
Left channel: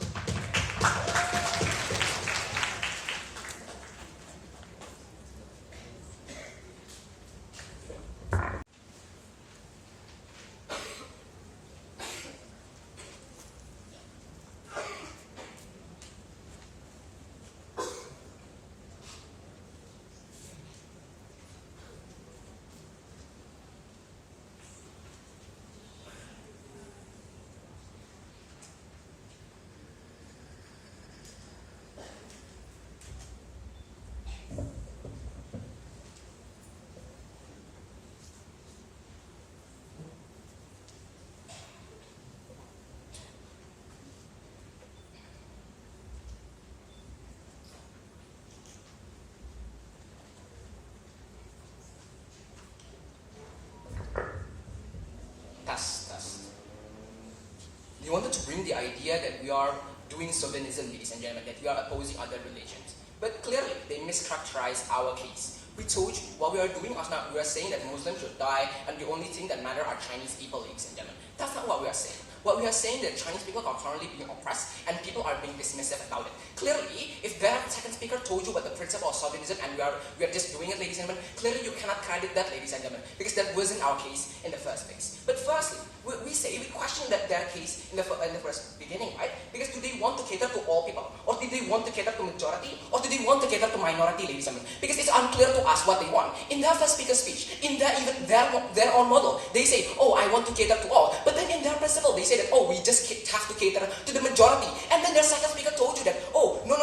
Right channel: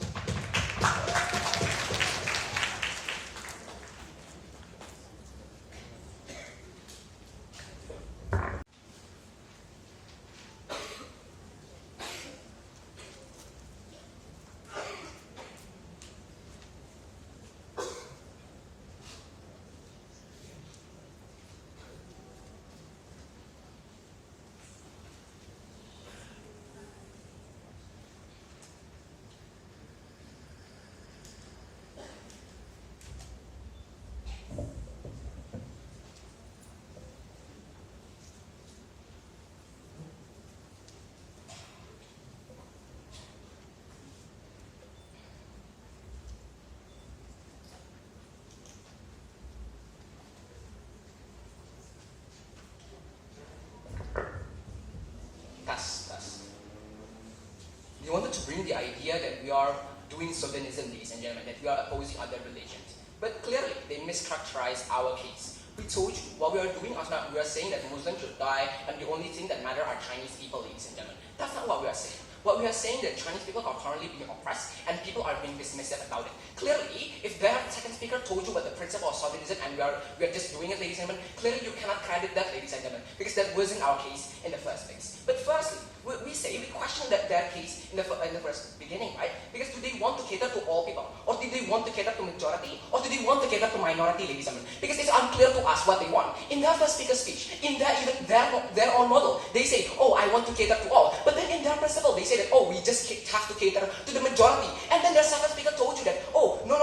They wanted to bring the idea that we are doing chauvinism, ladies and gentlemen, that we are opposing other religions. But clearly, they mischaracterized our case. We told you what we are doing is not, we are saying that Muslims should die and the only thing that matters are Chinese people, ladies and gentlemen. That's not what we are saying. What we are saying that Chinese people are currently being oppressed and people are being dismissive about it. Clearly, if that second speaker told you about the principle of chauvinism and we are just doing it, ladies and gentlemen, clearly you cannot credit that, ladies and gentlemen, because that wasn't our case in the first place. But firstly, we question their case in the first beginning, right? Because do they want to cater to all people? Or do they want to cater to majority? Or do they want to cater to minority, ladies and gentlemen? Because it's unclear to us what they want. In their first speaker's speech, in their own model, they say, oh, I want to cater to all. But then in their principle, they say that, oh, we just have to cater to the majority. And then their second speaker told you that, oh, no,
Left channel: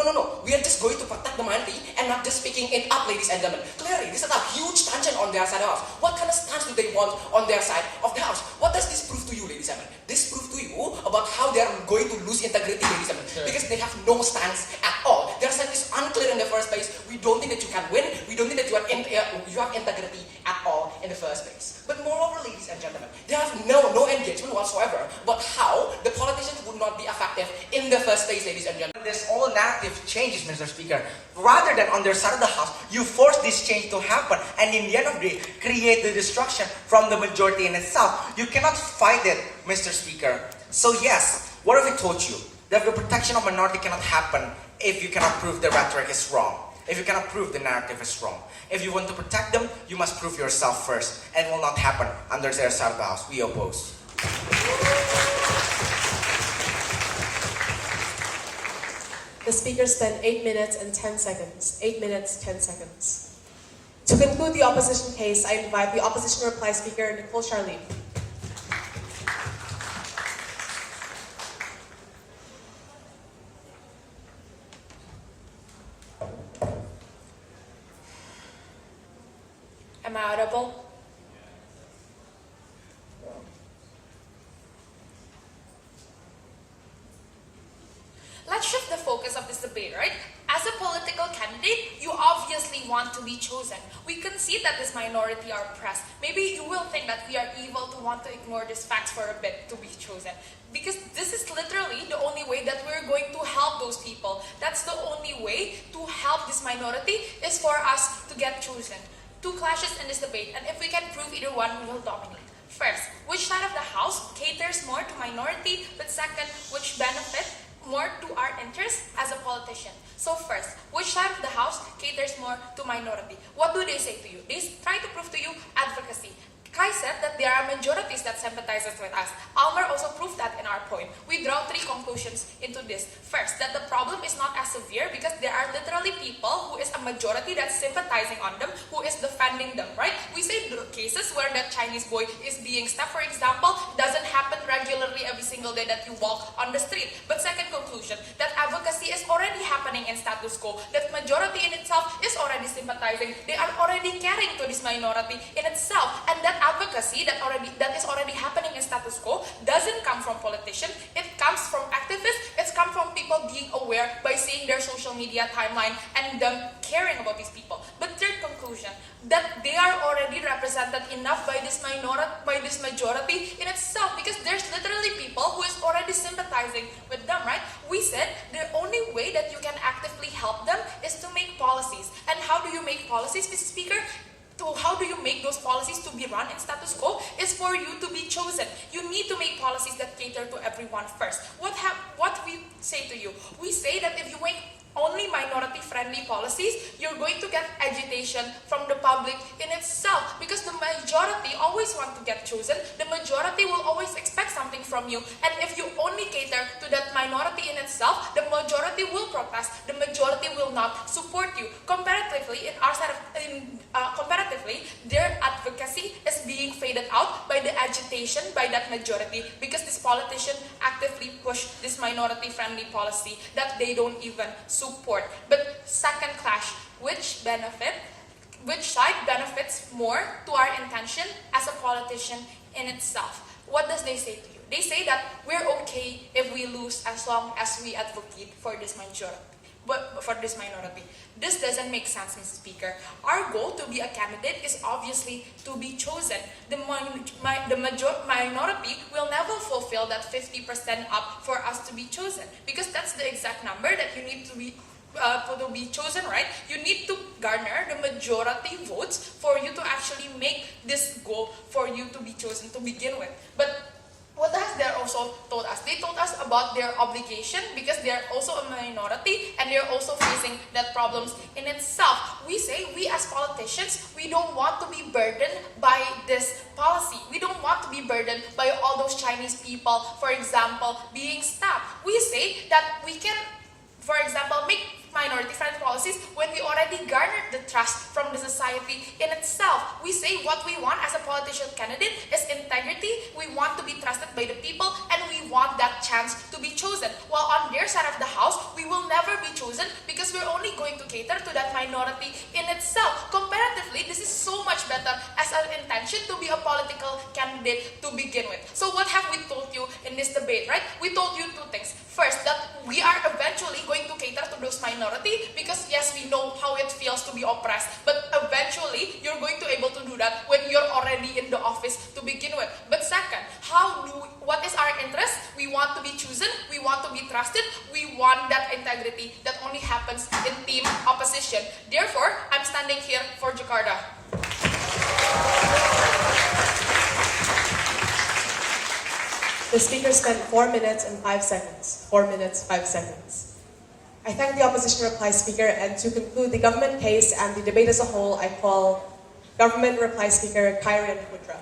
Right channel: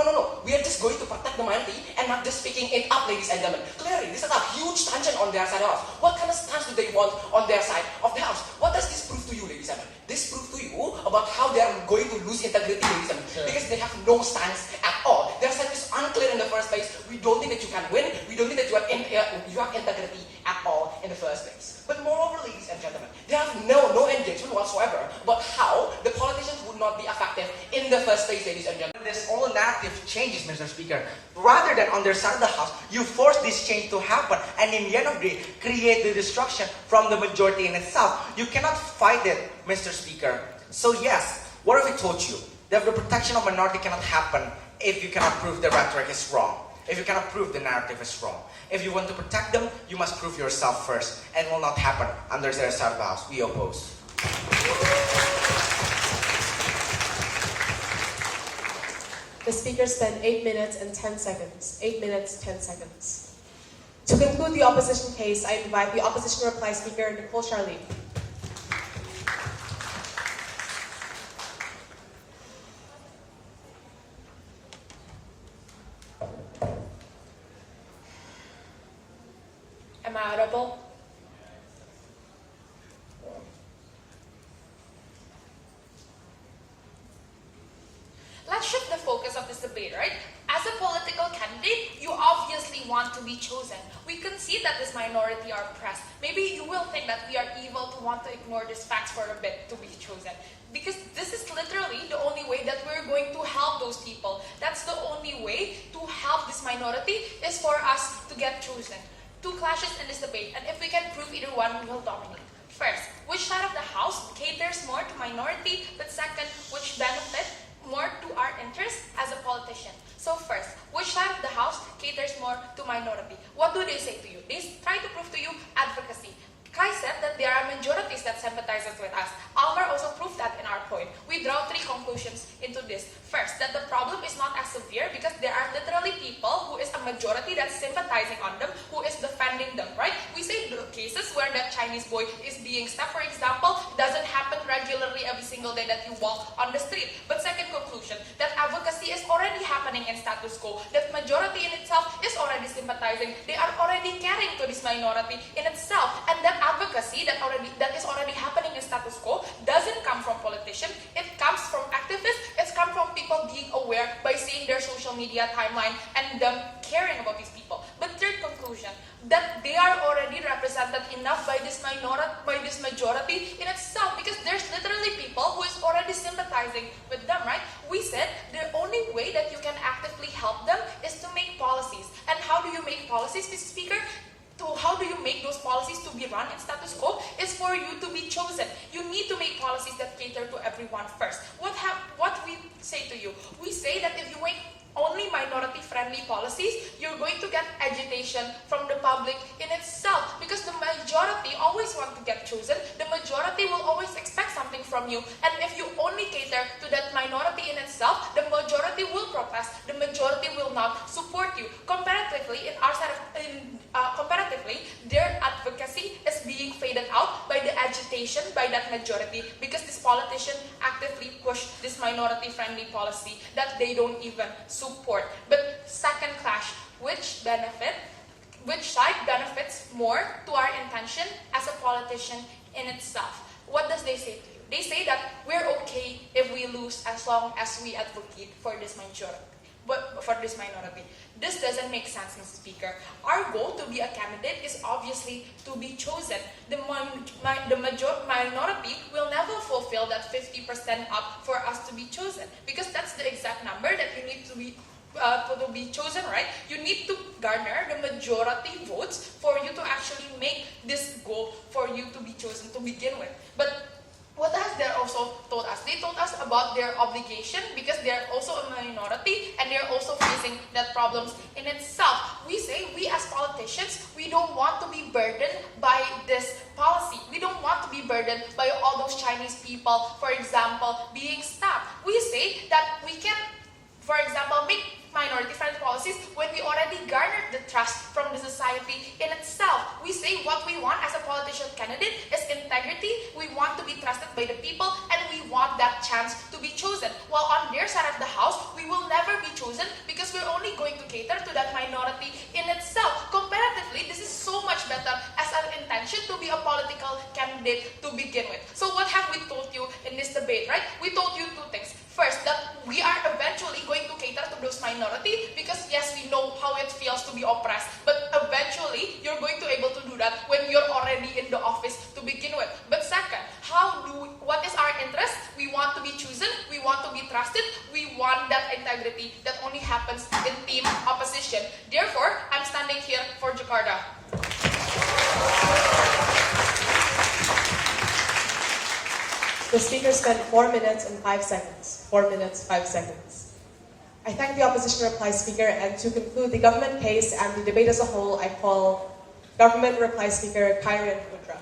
we are just going to protect the minority and not just speaking it up, ladies and gentlemen. Clearly, this is a huge tangent on their side of the house. What kind of stance do they want on their side of the house? What does this prove to you, ladies and gentlemen? This proves to you about how they are going to lose integrity, ladies and gentlemen, because they have no stance at all. Their stance is unclear in the first place. We don't think that you can win. We don't think that you have integrity at all in the first place. But moreover, ladies and gentlemen, they have no engagement whatsoever about how the politicians would not be effective in the first place, ladies and gentlemen. This all narrative changes, Mr. Speaker. Rather than on their side of the house, you force this change to happen, and in the end of the day, create the destruction from the majority in itself. You cannot fight it, Mr. Speaker. So yes, what have I told you? That the protection of minority cannot happen if you cannot prove the rhetoric is wrong. If you cannot prove the narrative is wrong. If you want to protect them, you must prove yourself first. And it will not happen under their side of the house. We oppose. The speaker spent 8 minutes and 10 seconds. 8 minutes, 10 seconds. To conclude the opposition case, I invite the opposition reply speaker, Nicole Charlene. Am I audible? Let's shift the focus of this debate, right? As a political candidate, you obviously want to be chosen. We concede that this minority are oppressed. Maybe you will think that we are evil to want to ignore these facts for a bit to be chosen. Because this is literally the only way that we're going to help those people. That's the only way to help this minority is for us to get chosen. Two clashes in this debate, and if we can prove either one, we will dominate. First, which side of the house caters more to minority, but second, which benefit more to our interests as a politician. So first, which side of the house caters more to minority? What do they say to you? They try to prove to you advocacy. Kai said that there are majorities that sympathizes with us. Almer also proved that in our point. We draw three conclusions into this. First, that the problem is not as severe because there are literally people who is a majority that's sympathizing on them, who is defending them, right? We say the cases where that Chinese boy is being stabbed, for example, doesn't happen regularly every single day that you walk on the street. But second conclusion, that advocacy is already happening in status quo, that majority in itself is already sympathizing, they are already caring to this minority in itself, and that advocacy that is already happening in status quo doesn't come from politicians, it comes from activists, it's come from people being aware by seeing their social media timeline and them caring about these people. But third conclusion, that they are already represented enough by this majority in itself, because there's literally people who is already sympathizing with them, right? We said the only way that you can actively help them is to make policies. And how do you make policies, Mr. Speaker? How do you make those policies to be run in status quo is for you to be chosen. You need to make policies that cater to everyone first. What we say to you? We say that if you make only minority-friendly policies, you're going to get agitation from the public in itself, because the majority always want to get chosen. The majority will always expect something from you, and if you only cater to that minority in itself, the majority will protest. The majority will not support you. Comparatively, their advocacy is being faded out by the agitation by that majority, because this politician actively push this minority-friendly policy that they don't even support. But second clash, which side benefits more to our intention as a politician in itself? What does they say to you? They say that we're okay if we lose as long as we advocate for this majority. But for this minority, this doesn't make sense, Mr. Speaker. Our goal to be a candidate is obviously to be chosen. The minority will never fulfill that 50% up for us to be chosen, because that's the exact number that you need to be chosen, right? You need to garner the majority votes for you to actually make this goal for you to be chosen to begin with. But what has they also told us? They told us about their obligation, because they're also a minority and they're also facing that problems in itself. We say, we as politicians, we don't want to be burdened by this policy. We don't want to be burdened by all those Chinese people, for example, being stabbed. We say that we can, for example, make minority-friendly policies when we already garnered the trust from the society in itself. We say what we want as a politician candidate is integrity. We want to be trusted by the people, and we want that chance to be chosen. While on their side of the house, we will never be chosen because we're only going to cater to that minority in itself. Comparatively, this is so much better as an intention to be a political candidate to begin with. So what have we told you in this debate, right? right? We told you two things. First, that we are eventually going to cater to those minority because yes, we know how it feels to be oppressed, but eventually you're going to able to do that when you're already in the office to begin with. But second, what is our interest? We want to be chosen, we want to be trusted, we want that integrity that only happens in team opposition. Therefore, I'm standing here for Jakarta. The speaker spent 4 minutes and 5 seconds. 4 minutes, 5 seconds. I thank the opposition reply speaker, and to conclude the government case and the debate as a whole, I call government reply speaker Kyron Pudra.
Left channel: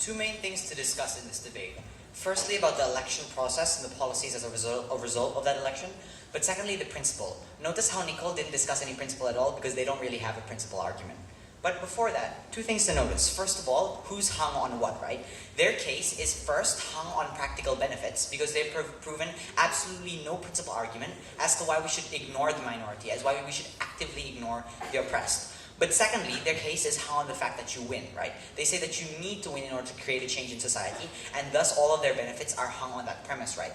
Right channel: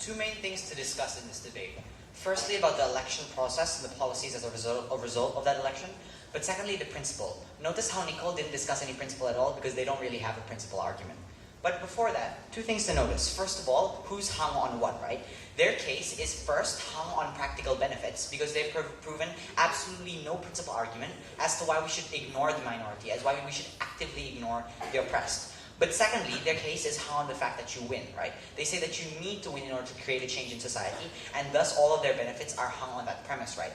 Two main things to discuss in this debate. Firstly, about the election process and the policies as a result of that election. But secondly, the principle. Notice how Nicole didn't discuss any principle at all because they don't really have a principle argument. But before that, two things to notice. First of all, who's hung on what, right? Their case is first hung on practical benefits because they've proven absolutely no principle argument as to why we should ignore the minority, as why we should actively ignore the oppressed. But secondly, their case is hung on the fact that you win, right? They say that you need to win in order to create a change in society, and thus all of their benefits are hung on that premise, right?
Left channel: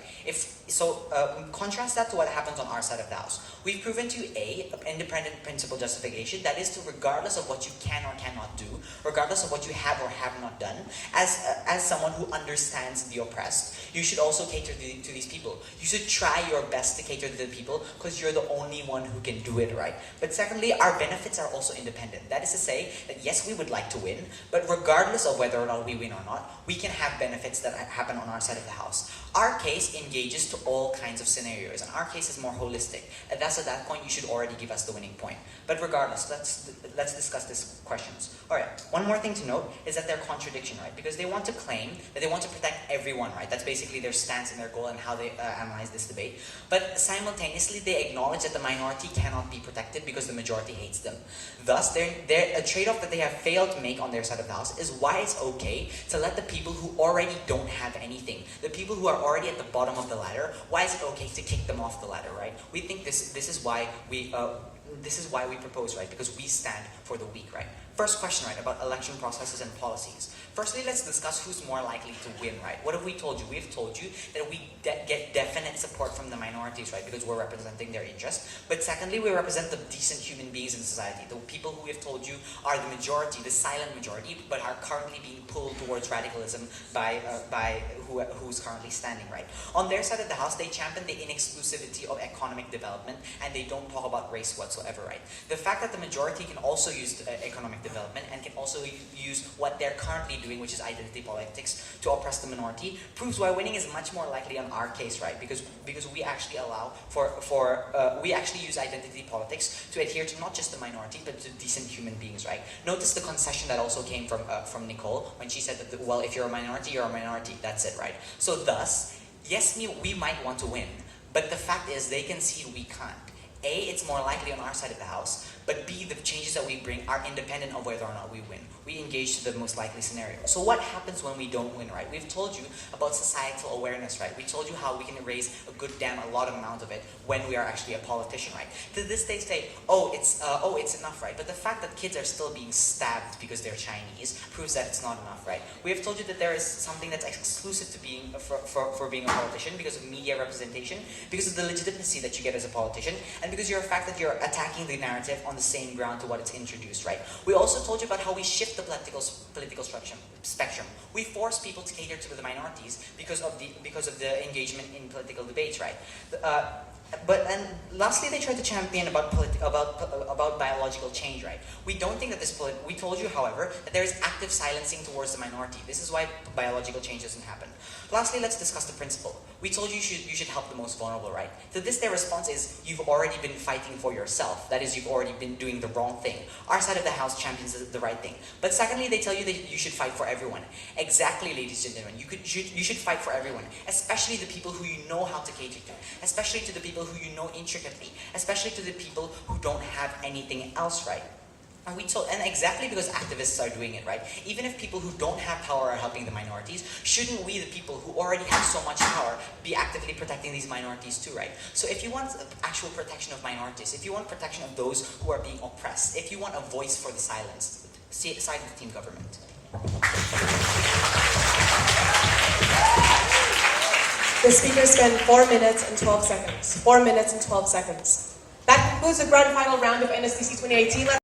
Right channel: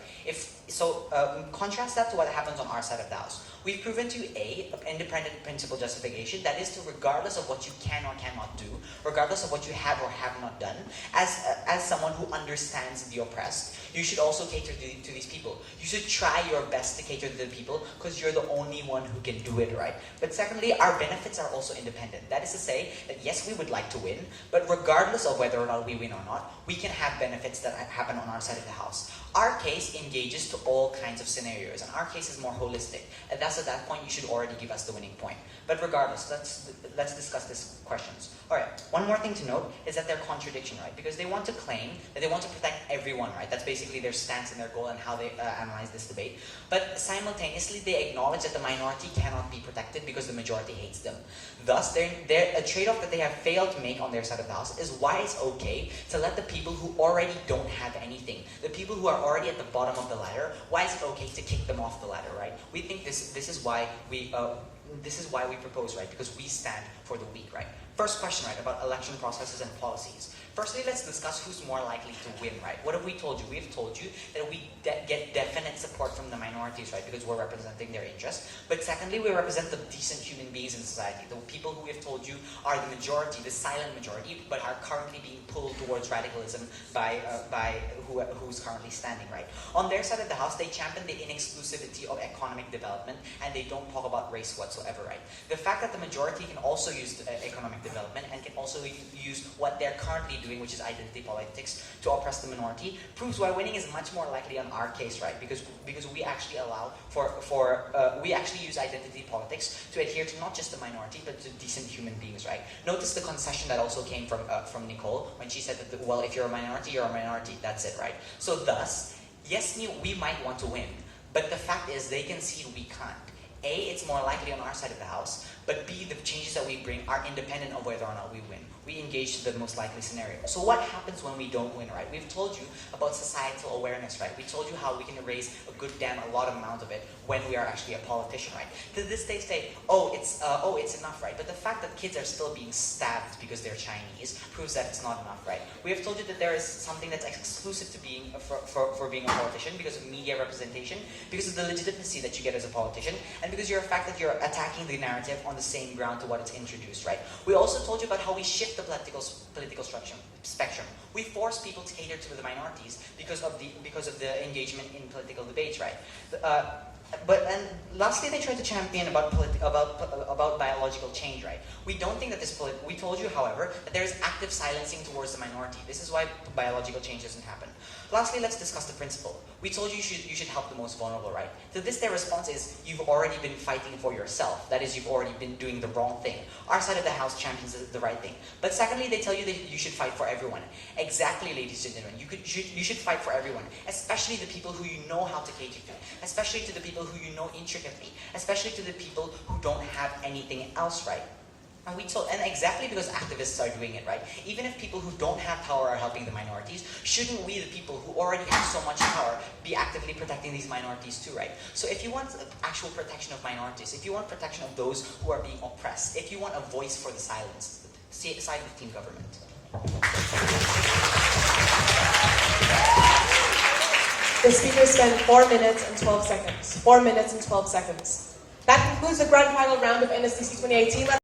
Contrast that to what happens on our side of the house. We've proven to you an independent principle justification, that is to regardless of what you can or cannot do, regardless of what you have or have not done, as someone who understands the oppressed, you should also cater to these people. You should try your best to cater to the people because you're the only one who can do it, right? But secondly, our benefits are also independent. That is to say that yes, we would like to win, but regardless of whether or not we win or not, we can have benefits that happen on our side of the house. Our case engages to all kinds of scenarios, and our case is more holistic. And thus at that point, you should already give us the winning point. But regardless, let's discuss these questions. Alright, one more thing to note is that they're contradiction, right? Because they want to claim that they want to protect everyone, right? That's basically their stance and their goal and how they analyze this debate. But simultaneously, they acknowledge that the minority cannot be protected because the majority hates them. Thus, a trade-off that they have failed to make on their side of the house is why it's okay to let the people who already don't have anything, the people who are already at the bottom of the ladder, why is it okay to kick them off the ladder, right? We think this is why we propose, right? Because we stand for the weak, right? First question, right, about election processes and policies. Firstly, let's discuss who's more likely to win, right? What have we told you? We've told you that we get definite support from the minorities, right? Because we're representing their interests. But secondly, we represent the decent human beings in society. The people who we've told you are the majority, the silent majority, but are currently being pulled towards radicalism by who's currently standing, right? On their side of the house, they champion the inexclusivity of economic development, and they don't talk about race whatsoever, right? The fact that the majority can also use economic development and can also use what they're currently doing, which is identity politics, to oppress the minority, proves why winning is much more likely on our case, right? Because we actually allow we actually use identity politics to adhere to not just the minority, but to decent human beings, right? Notice the concession that also came from Nicole when she said that, well, if you're a minority, you're a minority. That's it, right? So thus, yes, we might want to win, but the fact is they concede we can't. A, it's more likely on our side of the house, but B, the changes that we bring are independent of whether or not we win. We engage to the most likely scenario. So what happens when we don't win, right? We've told you about societal awareness, right? We told you how we can raise a lot amount of it when we are actually a politician, right? To this they say, it's enough, right? But the fact that kids are still being stabbed because they're Chinese proves that it's not enough, right? We have told you that there is something that's exclusive to being for being a politician because of media representation, because of the legitimacy that you get as a politician, and because of the fact that you're attacking the narrative on the same ground to what it's introduced, right? We also told you about how we shift the political spectrum. We force people to cater to the minorities because of the engagement in political debates, right? And lastly, they tried to champion about biological change, right? We don't think that we told you, however, that there is active silencing towards the minority. This is why biological change doesn't happen. Lastly, let's discuss the principle. We told you you should help the most vulnerable, right? To this, their response is, you've already been fighting for yourself. That is, you've already been doing the wrong thing. Our side of the house champions the right thing. But secondly, they tell you that you should fight for everyone. Exactly, ladies and gentlemen. You should fight for everyone, especially the people who you know how to cater to, especially to the people who you know intricately, especially to the people who don't have anything else right. And exactly because activists are doing it, right? Even if people who don't have power are helping the minorities, shouldn't we, the people who already have so much power, be actively protecting these minorities too, right? So if you want actual protection of minorities, if you want protection of those who are being oppressed, if you want a voice for the silenced, side with team government. The speaker spent 4 minutes and 12 seconds. 4 minutes and 12 seconds. That concludes the grand final round of NSDC 2018.